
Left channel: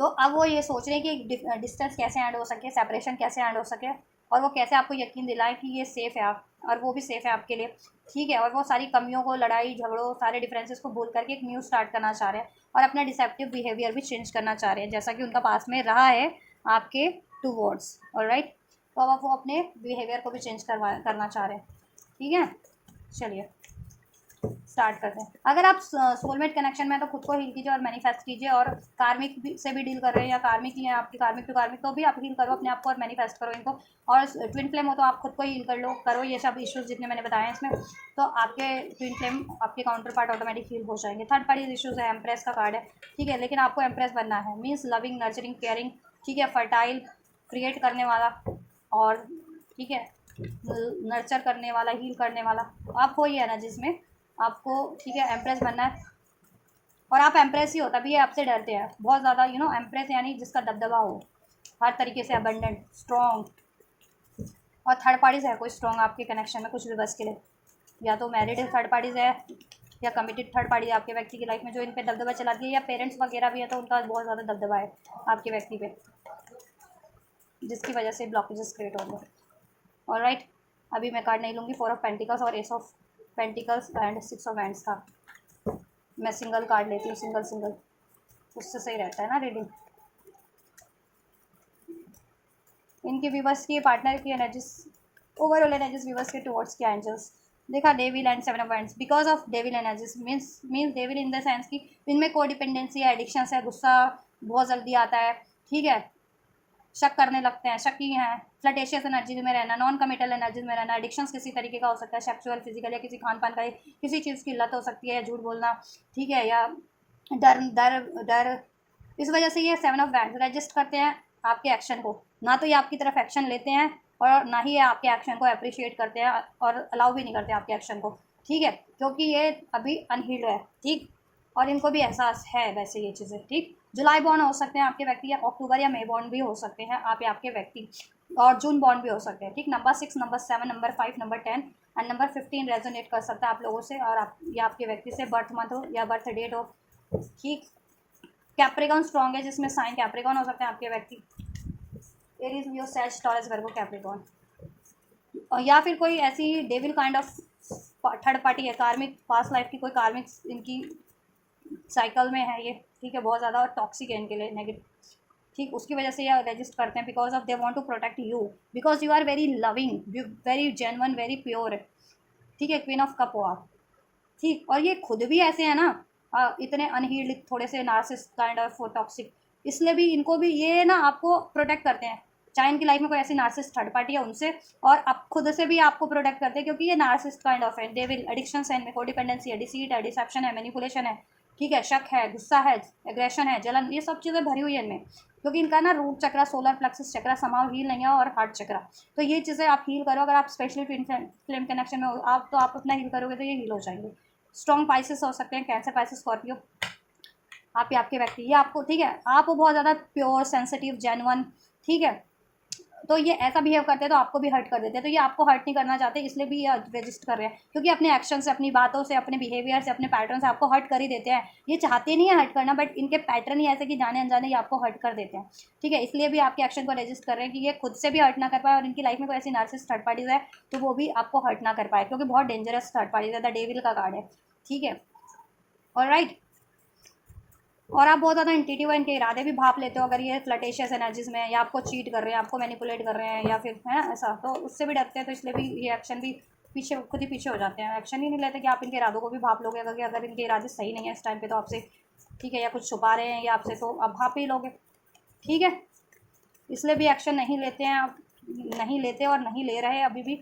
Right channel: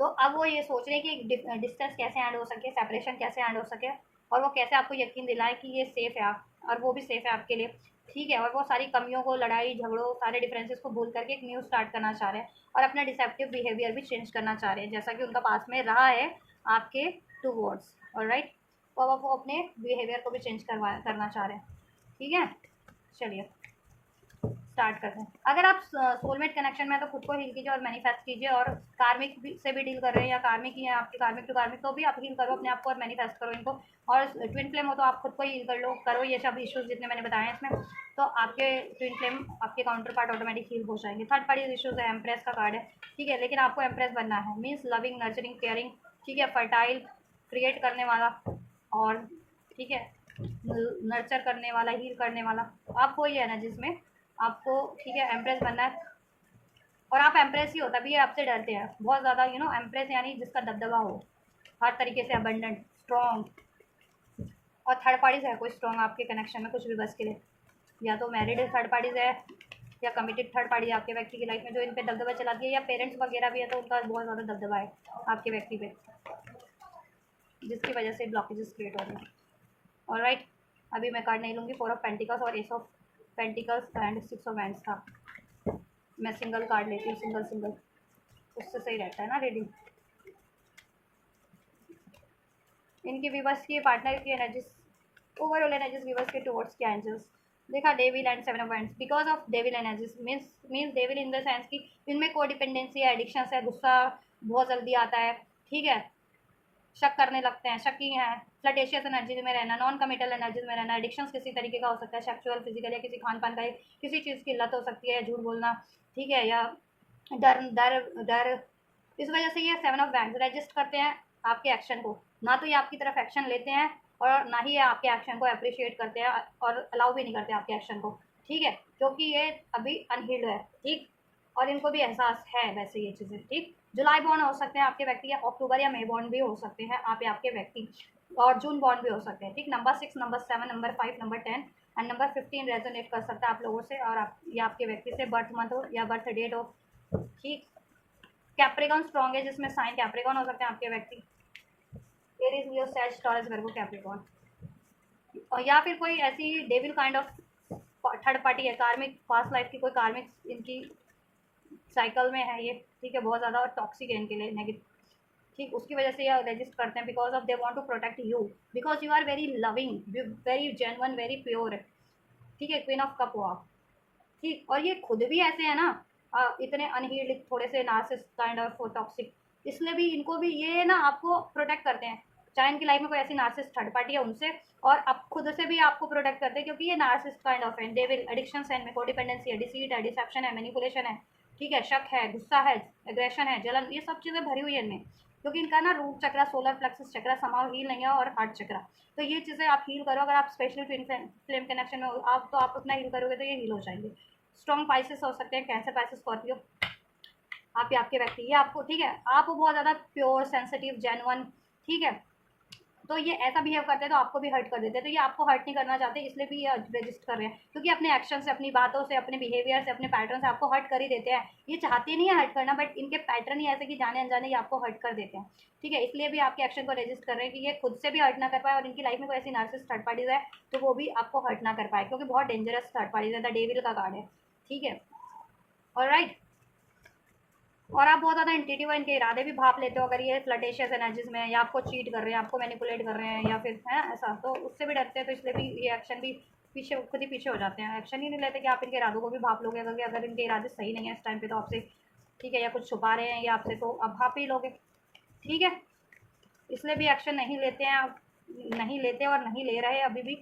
तो अब वो ये सोच रहे हैं कि डिस्टेंस कैसे ऐड हो सके, सेपरेशन कैसे ऐड हो सके, और वो कैसे आपको यकीन दिलाएं कि ये सेफ़ है आप, और वो भी सेफ़ है आपके लिए। ठीक है, और वो सारी कमियों को, लड़ाई झगड़ों, सारे डिफरेंसेस को भूल करके एक न्यू स्टार्ट करना चाह रहे हैं, और अपना डिसेप्टिव बिहेवियर भी चेंज करना चाह रहे हैं, जैसा कि उनका पास में रहा है आपके टू वर्ड्स। ऑलराइट, तो अब वो अपने बिहेवियर को भी चेंज करना चाह रहे हैं। ठीक है, चलिए स्टार्ट करते हैं। अगर आप सोलमेट कनेक्शन में तो खुद को हील कीजिए और मैनिफेस्ट कीजिए, और कार्मिक से भी डील कर रहे हैं या कार्मिक ही है आपकी, कार्मिक टू कार्मिक, तो भी आप हील करो अपने आप को और मैनिफेस्ट करो इनको। और ट्विन फ्लेम हो तो आप खुद को हील कर लो, करो ये सब इश्यूज जितने मैंने बताए हैं इसमें, तो आपके ट्विन फ्लेम आपके काउंटर पार्ट ऑटोमेटिक हील हो जाएंगे। थर्ड पार्टी इश्यूज है, एम्प्रेस का कार्ड है। ठीक है, लेकिन आपको एम्प्रेस बनना है, मीन्स लविंग नर्चरिंग केयरिंग, ठीक है फर्टाइल, क्रिएट करने वाला, और ठीक है नर्चर करने वाला, हील करने वाला, तो आप हो ये ना जिसमें आपको ठीक है एम्प्रेस बनना है। और आप एम्प्रेस ही हो तभी ये आपसे डरते हैं बहुत ज़्यादा, एम्प्रेस यानी जिसका दबदबा हो हर तरीके से, अबंडेंट, स्ट्रॉन्ग। और थर्ड पार्टीज़ है कोई स्ट्रॉन्ग आपके कनेक्शन में कुछ भी बस के लिए, या तो मैरिड थर्ड पार्टीज़ है या कमिटेड थर्ड पार्टी है आपके व्यक्ति की लाइफ में जो इन पे दबदबा चलाती है, या पेरेंट्स वगैरह भी है तो उनका बहुत ज़्यादा दबदबा है आपके व्यक्ति पे, जिसकी वजह से ब्लॉकेजेस क्रिएट हो गए। ऑलराइट, अभी मैं कार्ड नहीं लूँगी, 4 ऑफ पेंटिकल्स और S of pentacles and 6 of hands था। मैं सिंगल कार्ड लेती हूँ, सिंगल सिंगल, उससे सही रहता है ना रीडिंग। इनके व्यूवर्स की पार्टनर की एनर्जीज, ओवरऑल एनर्जीज व्यूवर्स के टुवर्ड्स के एंजल्स, देखा devil and seven of wands because of devil energies means devil in the sense की इनमें कोडिपेंडेंसी है, एडिक्शन है, गुस्सा बहुत जल्दी आता है, ठीक है, शक करने लगते हैं, शकी हैं, फ्लटेशियस एनर्जी में रहना, नॉन कमिटल एनर्जीज में रहना, एडिक्शंस किसी तरीके का हो सकता है, सेक्सुअल फिजिकल या किसी खान पान का किसी चीज़ की लत हो सकती है, झूठ बोलना, ठीक है, या डर डर डर। इस वजह से ये सेवन ऑफ वैंड्स रजिस्ट करते हैं आपके एक्शन को, ना तो ये आपकी तरफ एक्शन लेते हैं और ना ही ये आपके एक्शन को अप्रिशिएट करते हैं और अलाउ भी नहीं करते आपके एक्शन को, ठीक है, क्योंकि ये अभी अनहील्ड है, ठीक, और इनको भी एहसास है वैसे ये चीज़ें, ठीक। जुलाई बॉर्न हो सकते हैं आपके व्यक्ति, या अक्टूबर या मई बॉर्न भी हो सकते हैं आप या आपके व्यक्ति, और जून बॉर्न भी हो सकते हैं, ठीक। Number 6, number 7, number 5, number 10 and number 15 resonate कर सकता है आप लोगों से और आप या आपके व्यक्ति से, बर्थ मंथ हो या बर्थ डेट हो, ठीक। कैप्रिकॉन स्ट्रॉन्ग है जिसमें साइन कैप्रिकॉन हो सकते हैं आपके व्यक्ति, एरीज, लियो, सेज, टॉरस, वर्गो, कैप्रिकॉन, या फिर कोई ऐसी devil kind of third party है, कार्मिक पास्ट लाइफ की कोई कार्मिक इनकी साइकिल में है ये, ठीक है, बहुत ज़्यादा और टॉक्सिक है इनके लिए, नेगेटिव, ठीक, उसकी वजह से ये रजिस्ट करते हैं because of they want to protect you, because you are very loving, very genuine, very pure, ठीक है, क्वीन ऑफ कप हो आप, ठीक, और ये खुद भी ऐसे है ना, इतने अनहील्ड, थोड़े से नार्सिसिस्ट काइंड ऑफ टॉक्सिक, इसलिए भी इनको भी ये ना आपको प्रोटेक्ट करते हैं, चाहे इनकी लाइफ में कोई ऐसी नार्सिसिस्ट थर्ड पार्टी है उनसे, और आप खुद से भी आपको प्रोटेक्ट करते हैं क्योंकि ये नार्सिसिस्ट काइंड ऑफ है, डेविल, एडिक्शन है इनमें, कोडिपेंडेंसी है, डिसीट है, डिसेप्शन है, मैनिपुलेशन है, ठीक है, शक है, गुस्सा है, एग्रेशन है, जलन, ये सब चीज़ें भरी हुई है इनमें, क्योंकि इनका ना रूट चक्रा, सोलर प्लेक्सस चक्रा समाव हील नहीं है, और हार्ट चक्रा, तो ये चीज़ें आप हील करो, अगर आप स्पेशली ट्विन फ्लेम कनेक्शन में हो आप, तो आप अपना हील करोगे तो ये हील हो जाएंगे। स्ट्रॉन्ग पाइसेस हो सकते हैं, कैंसर, पाइसेस, स्कॉर्पियो, आप ही आपके व्यक्ति, ये आपको, ठीक है, आप बहुत ज़्यादा प्योर, सेंसिटिव, जेन्युइन, ठीक है, तो ये ऐसा बिहेव करते हैं तो आपको भी हर्ट कर देते हैं, तो ये आपको हर्ट नहीं करना चाहते, इसलिए भी ये रजिस्ट कर रहे हैं, क्योंकि अपने एक्शन से, अपनी बातों से, अपने बिहेवियर से, अपने पैटर्न से आपको हर्ट कर ही देते हैं, ये चाहते नहीं है हर्ट करना, बट इनके पैटर्न ही ऐसे कि जाने अनजाने ये आपको हर्ट कर देते हैं, ठीक है, इसलिए भी आपके एक्शन को रजिस्ट कर रहे हैं कि ये खुद से भी हर्ट ना कर पाए, और इनकी लाइफ में कोई ऐसी नार्सिसिस्ट थर्ड पार्टीज है तो वो भी आपको हर्ट ना कर पाए, क्योंकि बहुत डेंजरस थर्ड पार्टीज है, द डेविल का कार्ड है, ठीक है, ऑलराइट। और आप बहुत ज़्यादा इंट्यूटिव है, इनके इरादे भी भाप लेते हो, अगर ये फ्लटेशियस एनर्जीज में है, या आपको चीट कर रहे हैं, आपको मैनिपुलेट कर रहे हैं, या फिर है ना ऐसा, तो उससे भी डरते हैं, तो इसलिए भी ये एक्शन भी पीछे, खुद ही पीछे हो जाते हैं, एक्शन ही नहीं लेते कि आप इनके इरादों को भी भाप लोगे, अगर इनके इरादे सही नहीं है इस टाइम पे तो आपसे, ठीक है, या कुछ छुपा रहे हैं या आपसे, तो आप भाप ही लोगे, ठीक है, इसलिए भी एक्शन नहीं लेते हैं आप, नहीं लेते और नहीं ले रहे अभी भी,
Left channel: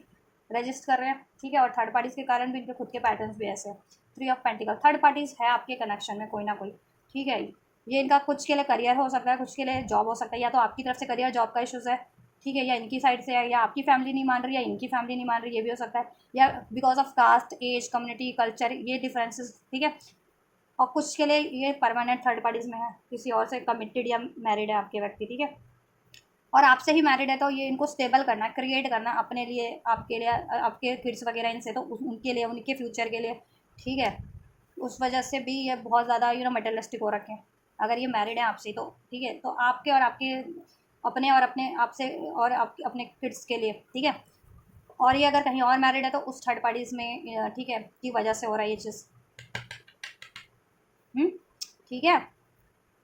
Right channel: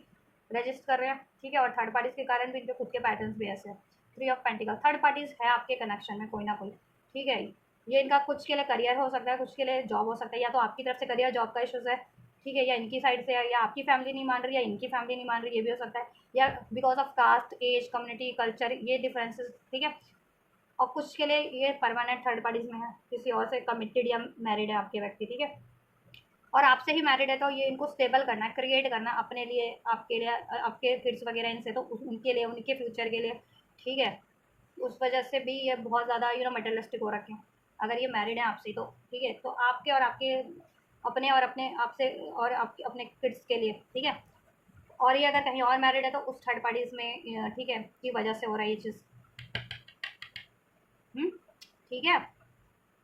रजिस्ट कर रहे हैं, ठीक है, और थर्ड पार्टीज़ के कारण भी इनके खुद के पैटर्न्स भी ऐसे हैं। 3 ऑफ पेंटिकल, थर्ड पार्टीज़ है आपके कनेक्शन में कोई ना कोई, ठीक है, ये इनका कुछ के लिए करियर हो सकता है, कुछ के लिए जॉब हो सकता है, या तो आपकी तरफ से करियर जॉब का इशूज़ है, ठीक है, या इनकी साइड से है, या आपकी फैमिली नहीं मान रही, या इनकी फैमिली नहीं मान रही, ये भी हो सकता है, या because of caste, age, community, culture, ये डिफरेंसेस, ठीक है, और कुछ के लिए ये परमानेंट थर्ड पार्टीज़ में है, किसी और से कमिटेड या मैरिड है आपके व्यक्ति, ठीक है, और आपसे ही मैरिड है, तो ये इनको स्टेबल करना है, क्रिएट करना है अपने लिए, आपके लिए, आपके किड्स वगैरह इनसे, तो उनके लिए, उनके फ्यूचर के लिए, ठीक है, उस वजह से भी ये बहुत ज़्यादा मटेरियलिस्टिक हो रखे हैं, अगर ये मैरिड है आपसे तो, ठीक है, तो आपके और आपके अपने और अपने आपसे और अपने किड्स के लिए, ठीक है, और ये अगर कहीं और मैरिड है तो उस थर्ड पार्टीज़ में, ठीक है, की वजह से हो रहा है ये चीज़, ठीक है,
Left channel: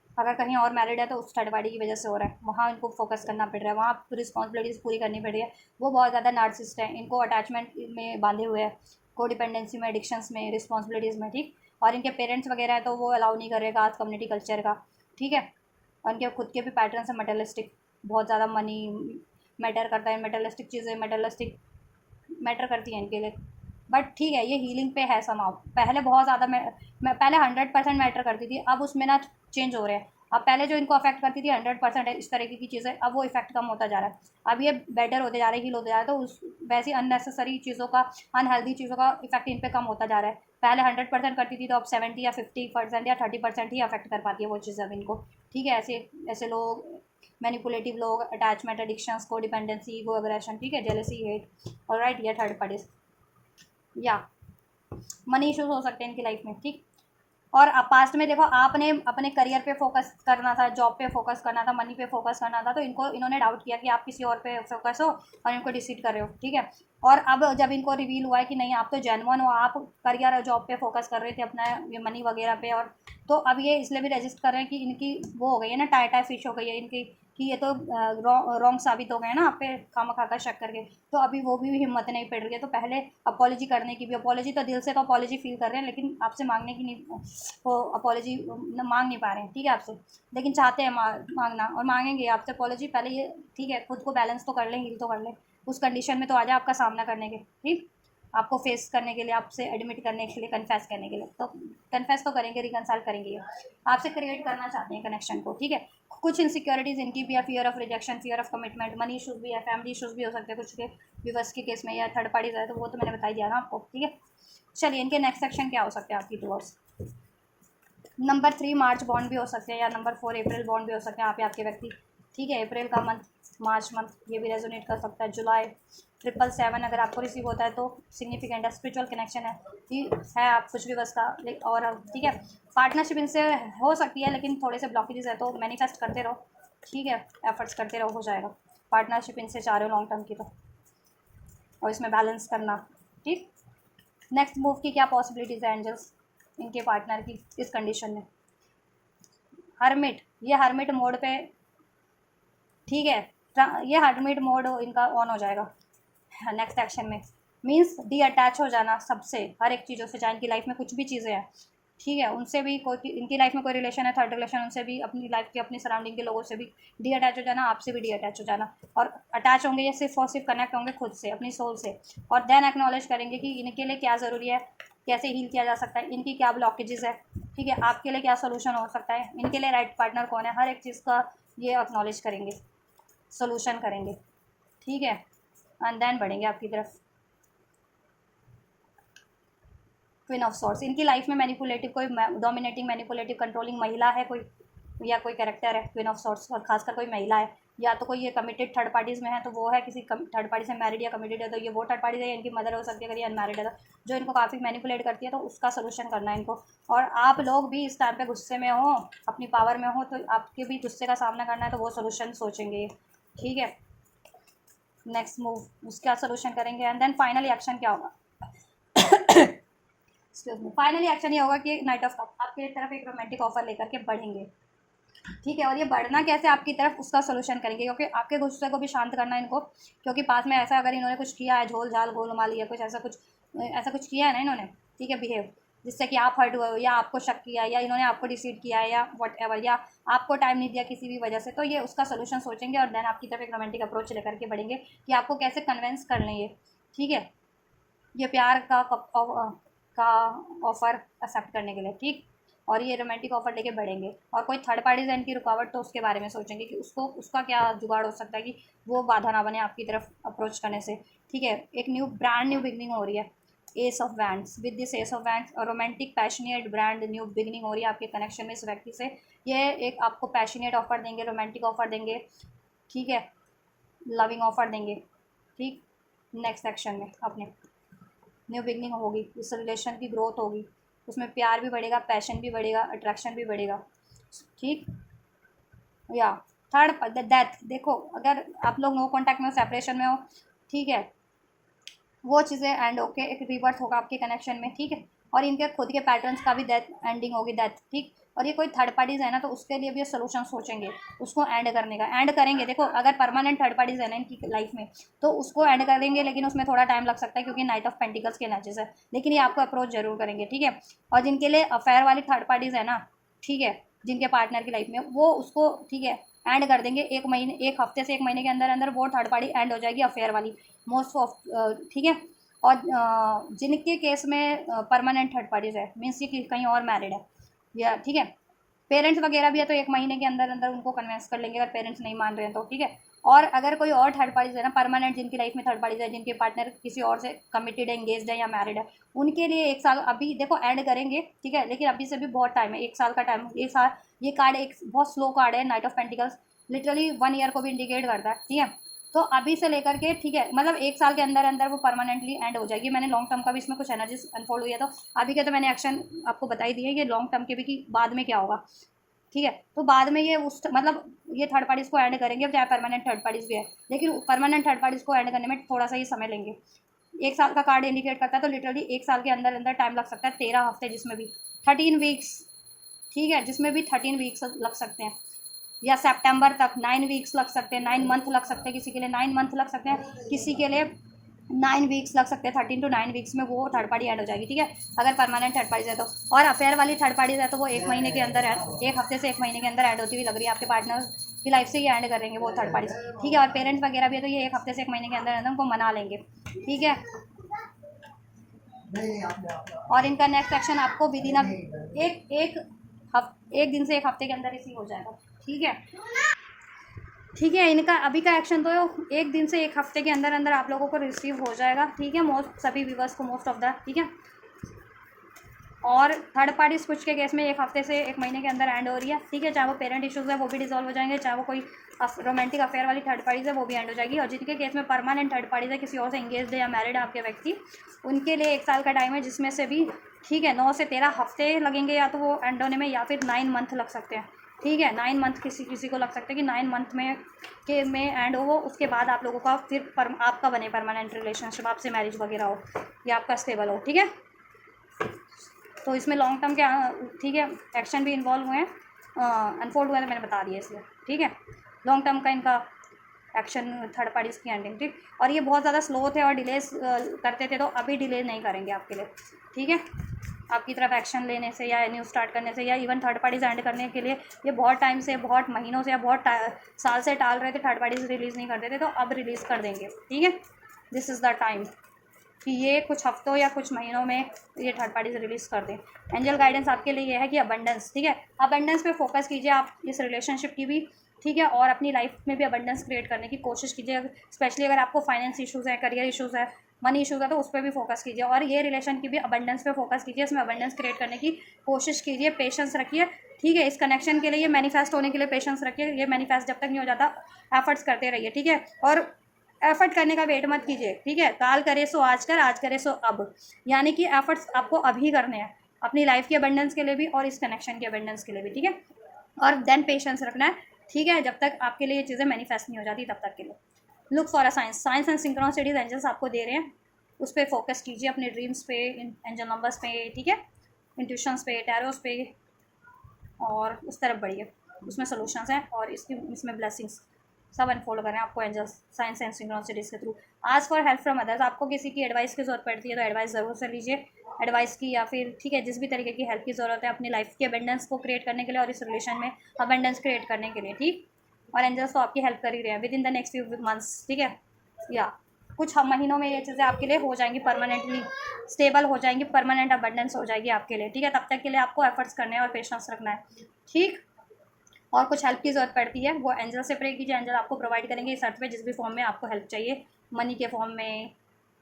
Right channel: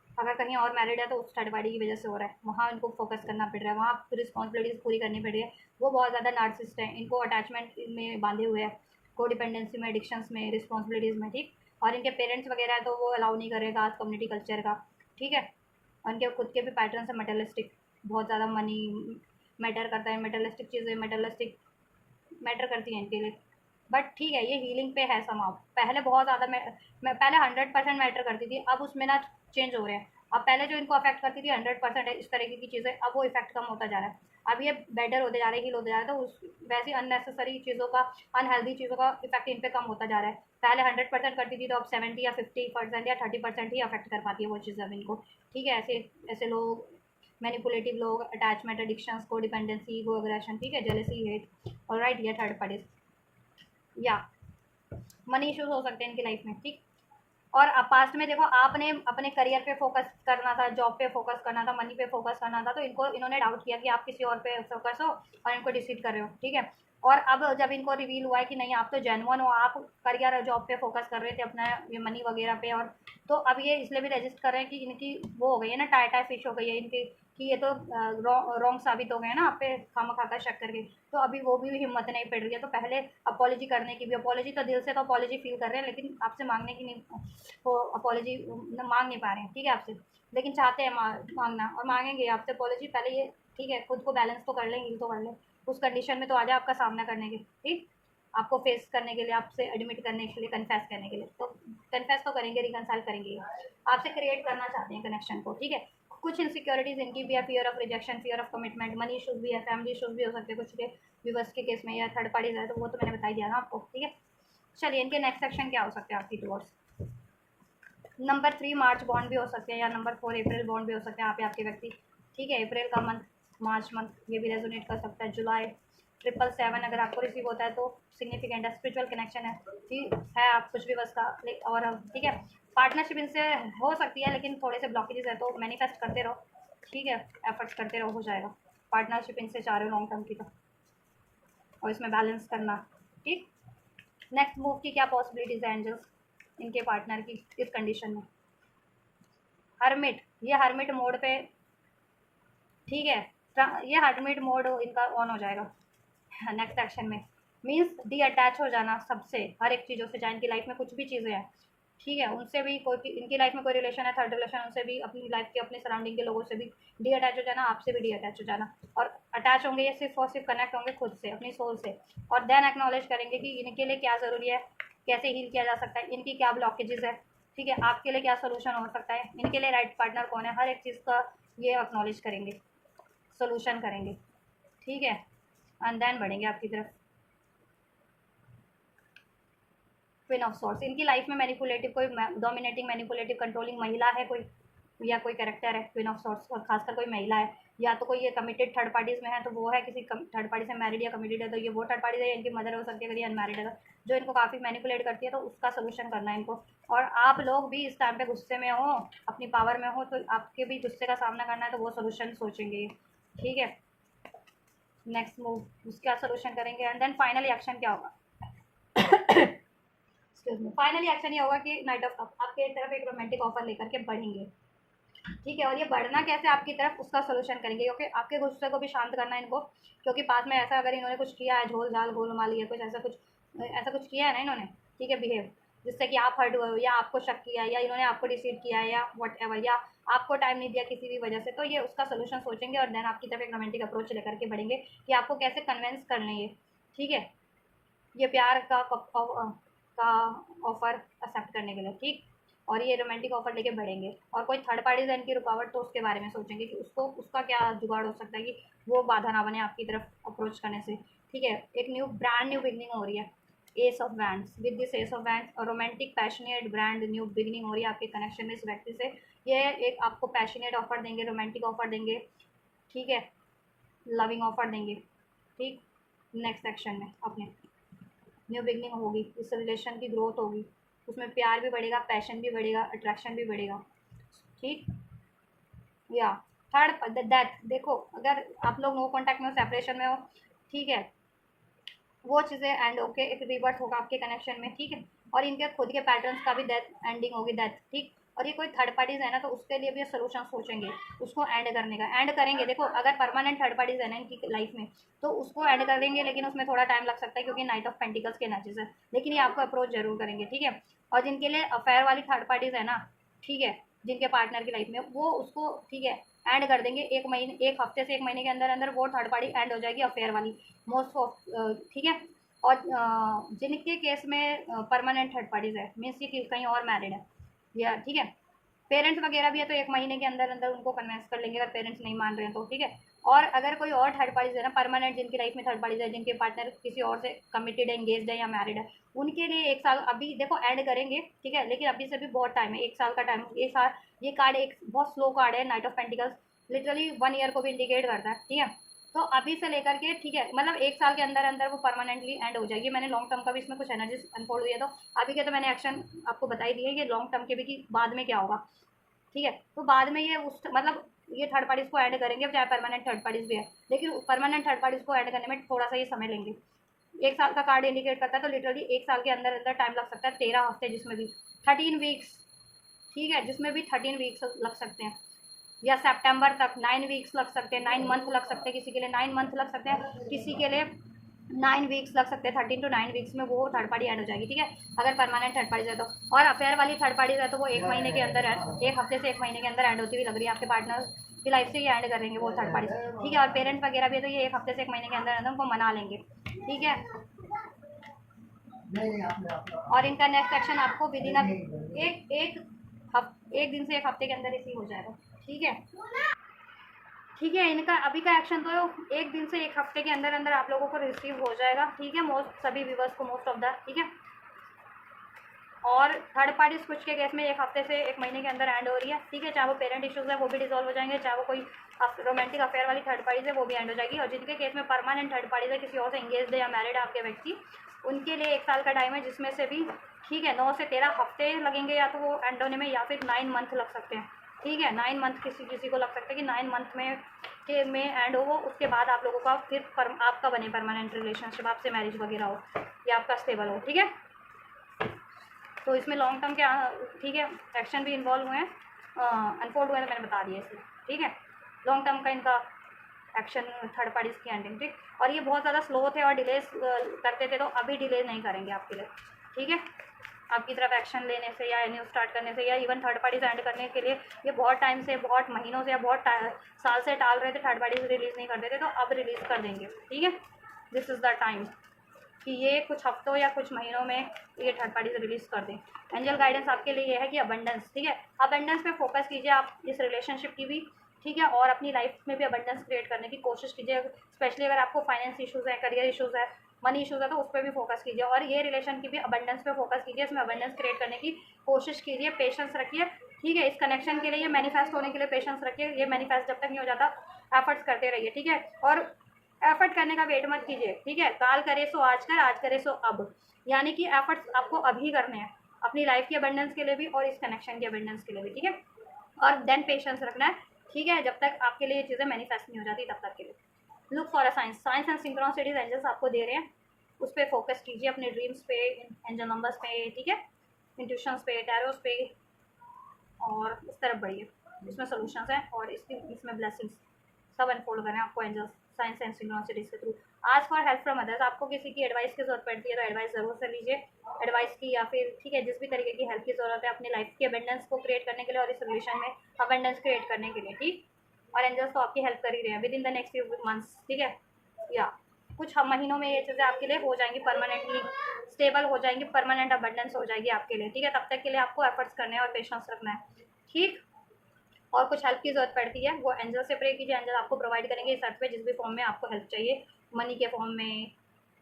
अगर कहीं और मैरिड है तो उस थर्ड पार्टी की वजह से हो रहा है, वहाँ इनको फोकस करना पड़ रहा है, वहाँ रिस्पॉन्सिबिलिटीज़ पूरी करनी पड़ रही है, वो बहुत ज़्यादा नार्सिसिस्ट है, इनको अटैचमेंट में बांधे हुए हैं, को डिपेंडेंसी में, एडिक्शंस में, रिस्पॉन्सिबिलिटीज़ में, ठीक, और इनके पेरेंट्स वगैरह है तो वो अलाउ नहीं करेगा आज कम्युनिटी कल्चर का, ठीक है, और इनके खुद के भी पैटर्न है मटेरियलिस्टिक, बहुत ज़्यादा मनी मैटर करता है, मटेरियलिस्टिक चीज़ें मटेरियलिस्टिक मैटर करती हैं इनके लिए, बट ठीक है, ये हीलिंग पे है समाव, पहले बहुत ज़्यादा मैं पहले 100% मैटर करती थी, अब उसमें ना चेंज हो रहे हैं, अब पहले जो इनको अफेक्ट करती थी 100% है इस तरीके की चीज़ें, अब वो इफेक्ट कम होता जा रहा है, अब ये बेटर होते जा रहे हैं, हील होते जा रहे हैं, तो उस वैसी अननेसेसरी चीज़ों का, अनहेल्दी चीज़ों का इफेक्ट इन पे कम होता जा रहा है, पहले 100% करती थी तो अब 70 या 50% या 30% ही अफेक्ट कर पाती है वो चीज़ अब इनको, ठीक है, ऐसे ऐसे लोग, मैनिपुलेटिव लोग, अटैचमेंट, एडिक्शंस, को डिपेंडेंसी, ईगो, एग्रेशन, ठीक है, जेलसी, हेट, ऑलराइट, ये थर्ड पार्टीज, या मनी इश्यूज हो सकते हैं इनकी लाइफ में, ठीक, और अब पास्ट में देखो आपने अपने करियर पे फोकस करना था, जॉब पे फोकस करना था, मनी पे फोकस करना था, तो इन्होंने डाउट किया कि आप किसी और पे फोकस हो और इनको डिसीड कर रहे हो, ठीक है, और अब जब इनको रिवील हुआ है कि नहीं आप तो जेन्युइन हो, आप करियर जॉब पे फोकस कर रहे थे अपना, ये मनी वगैरह पे, और तो अब ये इसलिए भी रजिस्ट कर रहे हैं कि इनकी वो हो गई है ना, टाई टाई फिश हो गई है इनकी, कि ये तो रॉन्ग साबित हो गए हैं ना आप पे खामा खा कर शक करके। तो अभी वो भी हिम्मत नहीं पड़ रही है, तो पहले अपॉलोजी करने की भी, अपॉलोजी तो दिल से तो अपॉलोजी फील कर रहे हैं, लेकिन आपसे मांगने की नहीं, वो अपॉलोजी मांग नहीं पा रहे हैं, ठीक है आपसे, लेकिन चाहते हैं मांगना, और मांगेंगे आपसे अपॉलोजी। पहले ये ठीक है, खुद को बैलेंस तो कर लें, हील तो कर लें, उस कंडीशन में तो आ जाए आपका सामना करने के, ठीक, आपको फेस करने के लिए, आपसे एडमिट करने के लिए, कन्फेस करने के लिए, तो कन्फेस तो करेंगे, रिकनसाइल करेंगे, ये आपसे क्रिएट करना चाहते हैं कनेक्शन को, ठीक है। कुछ इनसिक्योरिटीज़ इनकी भी है, fear of rejection, fear of commitment, money issues भी है, फैमिली इशूज़ भी हो सकते हैं कुछ के व्यूवर्स के केस में, या थर्ड पार्टीज है, तो वो तो मैंने बता ही दिया ना आपको, ठीक है। चलिए, इनके नेक्स्ट सेक्शन क्या हो सकते हैं आपकी टूवर्ड्स। नंबर 3 मार्च बॉन्ड भी हो सकते हैं, या नंबर 4 अप्रैल बॉन्ड भी हो सकते हैं यहाँ पे आपके व्यक्ति, ठीक है। अप्रैल का मंथ, मार्च मंथ, ये भी रेजोनेट कर सकता है। जुलाई 777 अगर आपको रिसीव होता है तो सिग्निफिकेंट है, स्पिरिचुअल कनेक्शन है, ठीक है। आप कुछ भी बस का और ठीक है, पार्टनरशिप इनसे हो सकती है, लेकिन थोड़े से ब्लॉकेजेस है, तो मैनिफेस्ट करते रहो, ठीक है, एफर्ट्स करते रहो, हो जाएगा। पार्टनरशिप इनसे चाह रहे हो लॉन्ग टर्म की, तो और इसमें बैलेंस करना, ठीक। नेक्स्ट मूव की क्या पॉसिबिलिटीज़ है एंजल्स इनके पार्टनर की इस कंडीशन में। हर्मिट, ये हर्मिट मोड पे, ठीक है, ये हर्मिट मोड इनका ऑन हो जाएगा नेक्स्ट एक्शन में। मीन्स डी अटैच हो जाना सबसे, हर एक चीज़ों से, चाहे इनकी लाइफ में कुछ भी चीज़ें हैं, ठीक है, उनसे भी कोई, इनकी लाइफ में कोई रिलेशन है, थर्ड रिलेशन, उनसे भी, अपनी लाइफ के अपनी सराउंडिंग के लोगों से भी डी अटैच हो जाना, आपसे भी डी अटैच हो जाना। और अटैच होंगे ये सिर्फ और सिर्फ कनेक्ट होंगे खुद से, अपनी सोल से, और देन एक्नॉलेज करेंगे कि इनके लिए क्या ज़रूरी है, कैसे हील किया जा सकता है, इनकी क्या ब्लॉकेजेस है, ठीक है, आपके लिए क्या सोल्यूशन हो सकता है, इनके लिए राइट पार्टनर कौन है, हर एक चीज़ का ये एक्नॉलेज करेंगे, सोल्यूशन करेंगे, ठीक है, एंड देन बढ़ेंगे आपकी तरफ। क्वीन ऑफ सॉर्ट्स, इनकी लाइफ में मैनिपुलेटिव कोई, डोमिनेटिंग मैनिपुलेटिव कंट्रोलिंग महिला है कोई, या कोई कैरेक्टर है क्वीन ऑफ सॉर्ट्स, और खासकर कोई महिला है, या तो कोई ये कमिटेड थर्ड पार्टीज़ में है, तो वो है किसी थर्ड पार्टी से मैरिड या कमिटेड है, तो ये वो थर्ड पार्टी है, इनकी मदर हो सकती है अगर ये अनमैरिड है, तो जो इनको काफ़ी मैनिपुलेट करती है, तो उसका सोल्यूशन करना है इनको। और आप लोग भी इस टाइम पे गुस्से में हो, अपनी पावर में हो, तो आपके भी गुस्से का सामना करना है, तो वो सोल्यूशन सोचेंगे, ठीक है। नेक्स्ट मूव उसका सोल्यूशन करेंगे, एंड देन फाइनली एक्शन क्या होगा। एक्सक्यूज मी, फाइनली एक्शन ये होगा कि नाइट ऑफ कप आपकी तरफ एक रोमांटिक ऑफर लेकर के बढ़ेंगे, ठीक है। और ये बढ़ना कैसे आपकी तरफ, उसका सोल्यूशन करेंगे, क्योंकि आपके गुस्से को भी शांत करना है इनको, क्योंकि पास में ऐसा अगर इन्होंने कुछ किया है, झोल झाल गोलमाली या कुछ ऐसा कुछ किया है ना इन्होंने, ठीक है, बिहेव, जिससे कि आप हर्ट हुए हो, या आपको शक किया है, या इन्होंने आपको डिसीव किया है, या वट एवर, या आपको टाइम नहीं दिया किसी भी वजह से, तो ये उसका सोल्यूशन सोचेंगे, और देन आपकी तरफ एक रोमांटिक अप्रोच लेकर के बढ़ेंगे कि आपको कैसे कन्विंस कर लें ये, ठीक है, ये प्यार का ऑफ़र एक्सेप्ट करने के लिए, ठीक। और ये रोमांटिक ऑफ़र लेके बढ़ेंगे, और कोई थर्ड पार्टीज़ है इनकी रुकावट, तो उसके बारे में सोचेंगे कि उसका क्या जुगाड़ हो सकता है कि वो बाधा ना बने आपकी तरफ अप्रोच करने से, ठीक है। एक ब्रांड न्यू बिगनिंग हो रही है, ace of wands, with this ace of wands, और romantic passionate brand new beginning हो रही है आपके कनेक्शन में इस व्यक्ति से। ये एक आपको पैशनेट ऑफ़र देंगे, रोमांटिक ऑफ़र देंगे, ठीक है, लविंग ऑफ़र देंगे, ठीक। नेक्स्ट सेक्शन में अपने न्यू बिगनिंग होगी, इस रिलेशन की ग्रोथ होगी, उसमें प्यार भी बढ़ेगा, पैशन भी बढ़ेगा, अट्रैक्शन भी बढ़ेगा, ठीक। या थर्ड डेथ, देखो अगर आप लोग नो कॉन्टैक्ट में हो, सेपरेशन में हो, ठीक है, वो चीज़ें एंड होके एक रिवर्थ होगा आपके कनेक्शन में, ठीक है। और इनके खुद के पैटर्न्स का भी डेथ एंडिंग होगी, डेथ, ठीक। और ये कोई थर्ड पार्टीज़ है ना, तो उसके लिए भी ये सोल्यूशन सोचेंगे उसको एंड करने का, एंड करेंगे। देखो अगर परमानेंट थर्ड पार्टीज़ है ना इनकी लाइफ में, तो उसको एंड कर देंगे, लेकिन उसमें थोड़ा टाइम लग सकता है, क्योंकि नाइट ऑफ पेंटिकल्स के एनर्जीज है, लेकिन ये आपको अप्रोच जरूर करेंगे, ठीक है। और जिनके लिए अफेयर वाली थर्ड पार्टीज़ है ना, ठीक है, जिनके पार्टनर की लाइफ में, वो उसको, ठीक है, एंड कर देंगे, एक महीने, एक हफ्ते से एक महीने के अंदर अंदर वो थर्ड पार्टी एंड हो जाएगी, अफेयर वाली मोस्ट ऑफ, ठीक है। और जिनके केस में परमानेंट थर्ड पार्टीज है, मीन्स ये कहीं और मैरिड है, या ठीक है, पेरेंट्स वगैरह भी है, तो एक महीने के अंदर अंदर उनको कन्विंस कर लेंगे, अगर पेरेंट्स नहीं मान रहे हैं तो, ठीक है। और अगर कोई और थर्ड पार्टीज है ना, परमानेंट जिनकी लाइफ में थर्ड पार्टीज है, जिनके पार्टनर किसी और से कमिटेड है, एंगेज्ड है या मैरिड है, उनके लिए एक साल अभी देखो एंड करेंगे, ठीक है, लेकिन अभी से भी बहुत टाइम है, एक साल का टाइम, एक साल। ये कार्ड एक बहुत स्लो कार्ड है, night of pentacles, literally 1 year को भी इंडिकेट करता है, ठीक है। तो अभी से लेकर के, ठीक है, मतलब एक साल के अंदर अंदर वो परमानेंटली एंड हो जाएगी। मैंने लॉन्ग टर्म का भी इसमें कुछ एनर्जी अनफोल्ड हुई है, तो अभी के तो मैंने एक्शन आपको बता ही दिए, ये लॉन्ग टर्म के भी कि बाद में क्या होगा, ठीक है। तो बाद में ये उस मतलब ये थर्ड पार्टीज़ को ऐड करेंगे, चाहे परमानेंट थर्ड पार्टीज़ भी है, लेकिन परमानेंट थर्ड पार्टीज़ को ऐड करने में थोड़ा सा ये समय लेंगे, 1 साल का कार्ड इंडिकेट करता है, तो लिटरली 1 साल के अंदर अंदर टाइम लग सकता है 13 हफ्ते, जिसमें भी 13 वीक्स, ठीक है, जिसमें भी 13 वीक्स लग सकते हैं, या सितंबर तक 9 वीक्स लग सकते हैं, 9 मंथ लग सकते हैं, किसी के लिए 9 मंथ लग सकते हैं, किसी के लिए 9 वीक्स लग सकते हैं। 13 टू 9 वीक्स में वो थर्ड पार्टी ऐड हो जाएगी, ठीक है, अगर परमानेंट थर्ड पार्टी है तो। और अफेयर वाली थर्ड पार्टी है तो वो 1 महीने के अंदर, 1 हफ्ते से 1 महीने के अंदर ऐड होती हुई लग रही है, आपके पार्टनर की लाइफ से ही ऐड करेंगे वो थर्ड पार्टी, ठीक है। और पेरेंट्स वगैरह भी है तो ये 1 हफ्ते से 1 महीने के अंदर अंदर उनको मना लेंगे, ठीक है। और इनका नेक्स्ट एक्शन आपको विद इन एक दिन से 1 हफ्ते के अंदर रिसीव हो जाएगा, ठीक है, ठीक है। इनका अभी का एक्शन तो 1 दिन से 1 हफ्ते के अंदर अंदर आप लोगों को रिसीव हो जाएगा, ठीक है, मोस्ट सभी व्यूवर्स को, मोस्ट ऑफ द, ठीक है। और थर्ड पार्टी स्विच के केस में 1 हफ्ते से 1 महीने के अंदर एंड हो रही है, ठीक है, चाहे वो पेरेंट इश्यूज़ है वो भी डिसॉल्व हो जाएंगे, चाहे वो कोई रोमांटिक अफेयर वाली थर्ड पार्टी है वो भी एंड हो जाएगी। और जिनके केस में परमानेंट थर्ड पार्टी है, किसी और से इंगेज्ड है या मैरिड है आपके व्यक्ति, उनके लिए 1 साल का टाइम है, जिसमें से भी, ठीक है, 9 से 13 हफ्ते लगेंगे या तो वो एंड होने में, या फिर 9 मंथ लग सकते हैं, ठीक है। 9 मंथ किसी किसी को लग सकता है कि 9 मंथ में एंड हो, उसके बाद आप लोगों का फिर आपका बने परमानेंट रिलेशनशिप, आपसे मैरिज वगैरह हो या आपका स्टेबल हो, ठीक है। तो इसमें लॉन्ग टर्म के, ठीक है, एक्शन भी इन्वॉल्व हुए हैं, अनफोल्ड हुए हैं, तो मैंने बता दिया इसलिए, ठीक है। लॉन्ग टर्म का इनका एक्शन थर्ड पार्टीज की एंडिंग, ठीक। और ये बहुत ज़्यादा स्लो थे और डिलेस करते थे, तो अभी डिले नहीं करेंगे आपके लिए, ठीक है। आपकी तरफ एक्शन लेने से या न्यू स्टार्ट करने से या इवन थर्ड पार्टीज एंड करने के लिए ये बहुत टाइम से, बहुत महीनों से या बहुत साल से टाल रहे थे, थर्ड पार्टीज रिलीज़ नहीं करते थे, तो अब रिलीज़ कर देंगे, ठीक है। दिस इज़ द टाइम कि ये कुछ हफ्तों या कुछ महीनों में ये थर्ड पार्टी से रिलीज़ कर दें। एंजल गाइडेंस आपके लिए ये है कि अबंडेंस, ठीक है, अबंडेंस पे फोकस कीजिए आप इस रिलेशनशिप की भी, ठीक है, और अपनी लाइफ में भी अबंडेंस क्रिएट करने की कोशिश कीजिए, स्पेशली अगर आपको फाइनेंस इशूज़ है, करियर इशूज़ है, मनी इशूज़ है, तो उस पर भी फोकस कीजिए। और ये रिलेशन की भी अबंडेंस पे फोकस कीजिए, इसमें अबंडेंस क्रिएट करने की कोशिश कीजिए, पेशेंस रखिए, ठीक है। इस कनेक्शन के लिए, ये मैनिफेस्ट होने के लिए पेशेंस रखिए, ये मैनिफेस्ट जब तक नहीं हो जाता एफर्ट्स करते रहिए, ठीक है। और एफर्ट करने का वेट मत कीजिए, ठीक है, काल करे सो आज कर, आज करे सो अब, यानी कि एफर्ट्स आपको अभी करने हैं, अपनी लाइफ की अबंडेंस के लिए भी और इस कनेक्शन की अबंडेंस के लिए भी, ठीक है। और देन पेशेंस रखना है, ठीक है, जब तक आपके लिए ये चीज़ें मैनिफेस्ट नहीं हो जाती तब तक के लिए। Look for a signs, signs and synchronicities angels आपको दे रहे हैं, उस पर फोकस कीजिए, अपने ड्रीम्स पे, एंजल नंबर्स पे, ठीक है, इंट्यूशंस पे, टैरोस पे, और उस तरफ बढ़िए, उसमें सोल्यूशंस हैं और इसमें ब्लेसिंग्स सब अनफोल्ड करें आपको एंजल्स, साइंस एंड सिंक्रोनिसिटीज के थ्रू। आज फॉर हेल्प फ्रॉम अदर्स, आपको किसी की एडवाइस की ज़रूरत पड़ती है तो एडवाइस ज़रूर से लीजिए, एडवाइस की, या फिर, ठीक है, जिस भी तरीके की हेल्प की ज़रूरत है अपनी लाइफ की अबेंडेंस को क्रिएट करने के लिए और इस रिलेशन में अबेंडेंस क्रिएट करने के लिए, ठीक। और एंजल्स तो आपकी हेल्प कर ही रहे हैं with in the next few months, ठीक है, या कुछ महीनों में ये चीज़ें आपके लिए हो जाएंगी, परमानेंटली स्टेबल हो जाएंगी, परमानेंट अबंडेंस हो जाएगी आपके लिए, ठीक है। तब तक के लिए आपको एफर्ट्स करने हैं और पेशेंस रखना है, ठीक। और कुछ हेल्प की ज़रूरत पड़ती है वो एंजल से प्रे कीजिए, एंजल आपको प्रोवाइड करेंगे इस अर्थ पे, जिस भी फॉर्म में आपको हेल्प चाहिए, मनी के फॉर्म में,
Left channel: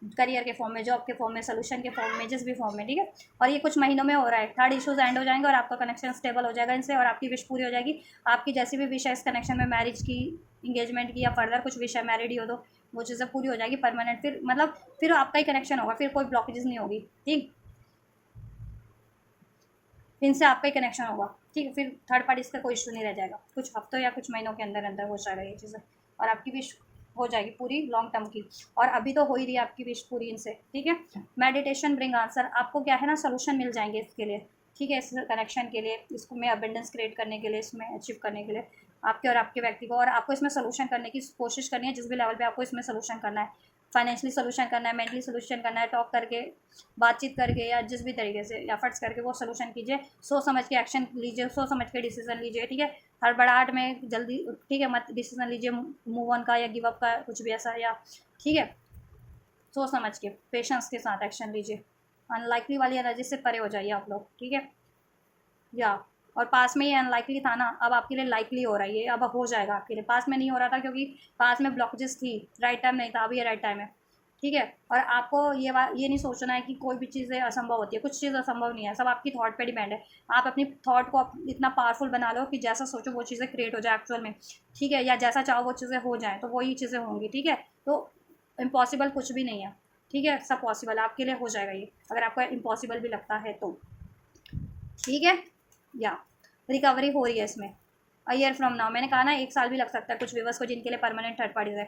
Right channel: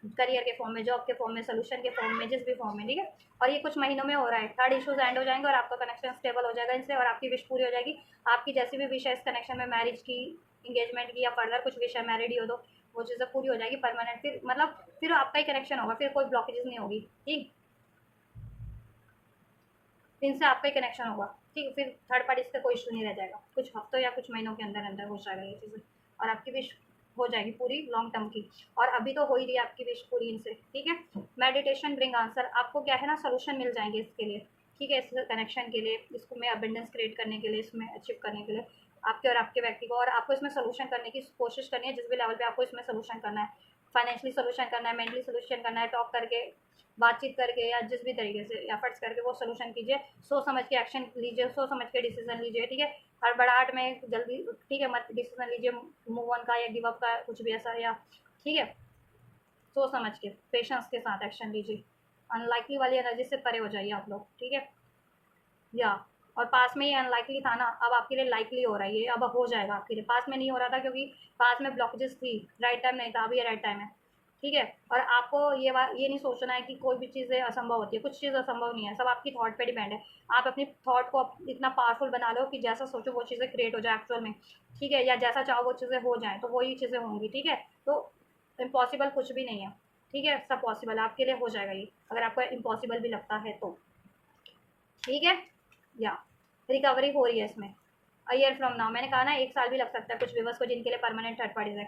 करियर के फॉर्म में, जॉब के फॉर्म में, सोल्यूशन के फॉर्म में, जिस भी फॉर्म में, ठीक है। और ये कुछ महीनों में हो रहा है, थर्ड इशूज़ एंड हो जाएंगे और आपका कनेक्शन स्टेबल हो जाएगा इनसे, और आपकी विश पूरी हो जाएगी। आपकी जैसी भी विश है इस कनेक्शन में, मैरिज की, इंगेजमेंट की, या फर्दर कुछ विश है, मैरिड ही हो तो वो चीज़ें पूरी हो जाएगी परमानेंट, फिर मतलब फिर आपका ही कनेक्शन होगा, फिर कोई ब्लॉकेजेस नहीं होगी, ठीक, इनसे आपका ही कनेक्शन होगा, ठीक, फिर थर्ड पार्टीज का कोई इशू नहीं रह जाएगा, कुछ हफ्तों या कुछ महीनों के अंदर अंदर हो जाएगा ये चीज़ें, और आपकी विश हो जाएगी पूरी लॉन्ग टर्म की। और अभी तो हो ही रही है आपकी विश पूरी इनसे, ठीक है। मेडिटेशन ब्रिंग आंसर, आपको क्या है ना, सोल्यूशन मिल जाएंगे इसके लिए, ठीक है, इस कनेक्शन के लिए, इसको में अबेंडेंस क्रिएट करने के लिए, इसमें अचीव करने के लिए आपके और आपके व्यक्ति को, और आपको इसमें सोल्यूशन करने की कोशिश करनी है, जिस भी लेवल पे आपको इसमें सोल्यूशन करना है, फाइनेंशियली सोल्यूशन करना है, मेंटली सोल्यूशन करना है, टॉक करके, बातचीत करके, या जिस भी तरीके से एफर्ट्स करके वो सोल्यूशन कीजिए, सोच समझ के एक्शन लीजिए, सोच समझ के डिसीजन लीजिए, ठीक है। हड़बड़ाहट में जल्दी, ठीक है, मत डिसीजन लीजिए मूव ऑन का या गिव अप का, कुछ भी ऐसा, या, ठीक है, सोच समझ के पेशेंस के साथ एक्शन लीजिए, अनलाइकली वाली एनर्जी से परे हो जाइए आप लोग, ठीक है, या। और पास में ये अनलाइकली था ना, अब आपके लिए लाइकली हो रहा है, ये अब हो जाएगा आपके लिए, पास में नहीं हो रहा था क्योंकि पास में ब्लॉकेजेस थी, राइट टाइम नहीं था, अब ये राइट टाइम है, ठीक है। और आपको ये नहीं सोचना है कि कोई भी चीज़ें असंभव होती है, कुछ चीज़ असंभव नहीं है, सब आपकी थॉट पे डिपेंड है। आप अपनी थॉट को इतना पावरफुल बना लो कि जैसा सोचो वो चीज़ें क्रिएट हो जाए एक्चुअल में, ठीक है, या जैसा चाहो वो चीज़ें हो जाएँ, तो वही चीज़ें होंगी, ठीक है। तो इम्पॉसिबल कुछ भी नहीं है, ठीक है, सब पॉसिबल आपके लिए हो जाएगा ये, अगर आपको इम्पॉसिबल भी लगता है तो, ठीक है, या रिकवरी हो रही है इसमें। अ ईयर फ्रॉम नाउ, मैंने कहा ना 1 साल भी लग सकता है कुछ व्यूवर्स को जिनके लिए परमानेंट थर्ड पार्टीज है,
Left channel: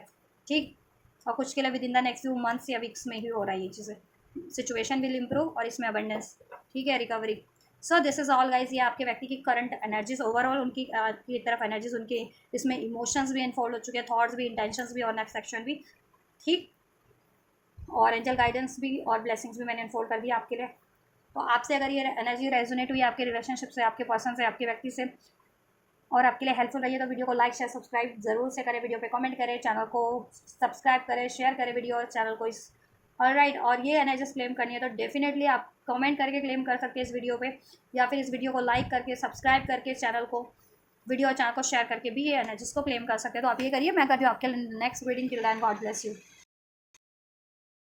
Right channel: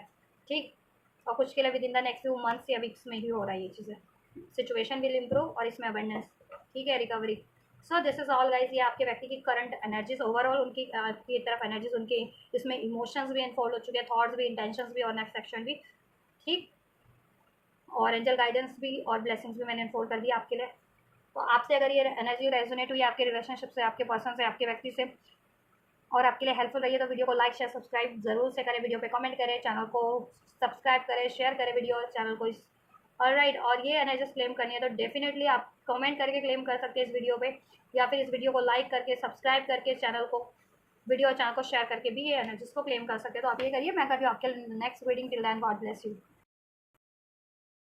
ठीक। और कुछ के लिए with in the next 2 months या वीक्स में ही हो रहा है ये चीज़ें। सिचुएशन विल इम्प्रूव और इसमें अबंडेंस, ठीक है, recovery. So this is all guys, ये आपके व्यक्ति की करंट एनर्जीज, ओवरऑल उनकी की तरफ एनर्जीज, उनके इसमें इमोशंस भी इन्फॉल्व हो चुके हैं, थॉट्स भी, इंटेंशंस भी और नेक्स्ट सेक्शन भी, ठीक। और एंजल गाइडेंस भी और ब्लेसिंग्स भी मैंने इन्फोल्ड कर दिया आपके लिए। तो आपसे अगर ये एनर्जी रेजोनेट हुई आपके रिलेशनशिप से, आपके पर्सन से, आपके व्यक्ति से, और आपके लिए हेल्पफुल रही है, तो वीडियो को लाइक शेयर सब्सक्राइब जरूर से करें, वीडियो पे कमेंट करें, चैनल को सब्सक्राइब करें, शेयर करें वीडियो और चैनल को इस। ऑलराइट, और ये एनर्जीज क्लेम करनी है तो डेफिनेटली आप कमेंट करके क्लेम कर सकते हैं इस वीडियो पे, या फिर इस वीडियो को लाइक करके, सब्सक्राइब करके, चैनल को, वीडियो और चैनल को शेयर करके भी ये एनर्जीज को क्लेम कर सकते हैं। तो आप ये करिए, मैं कर रही हूँ आपके next reading. Till then, God bless you.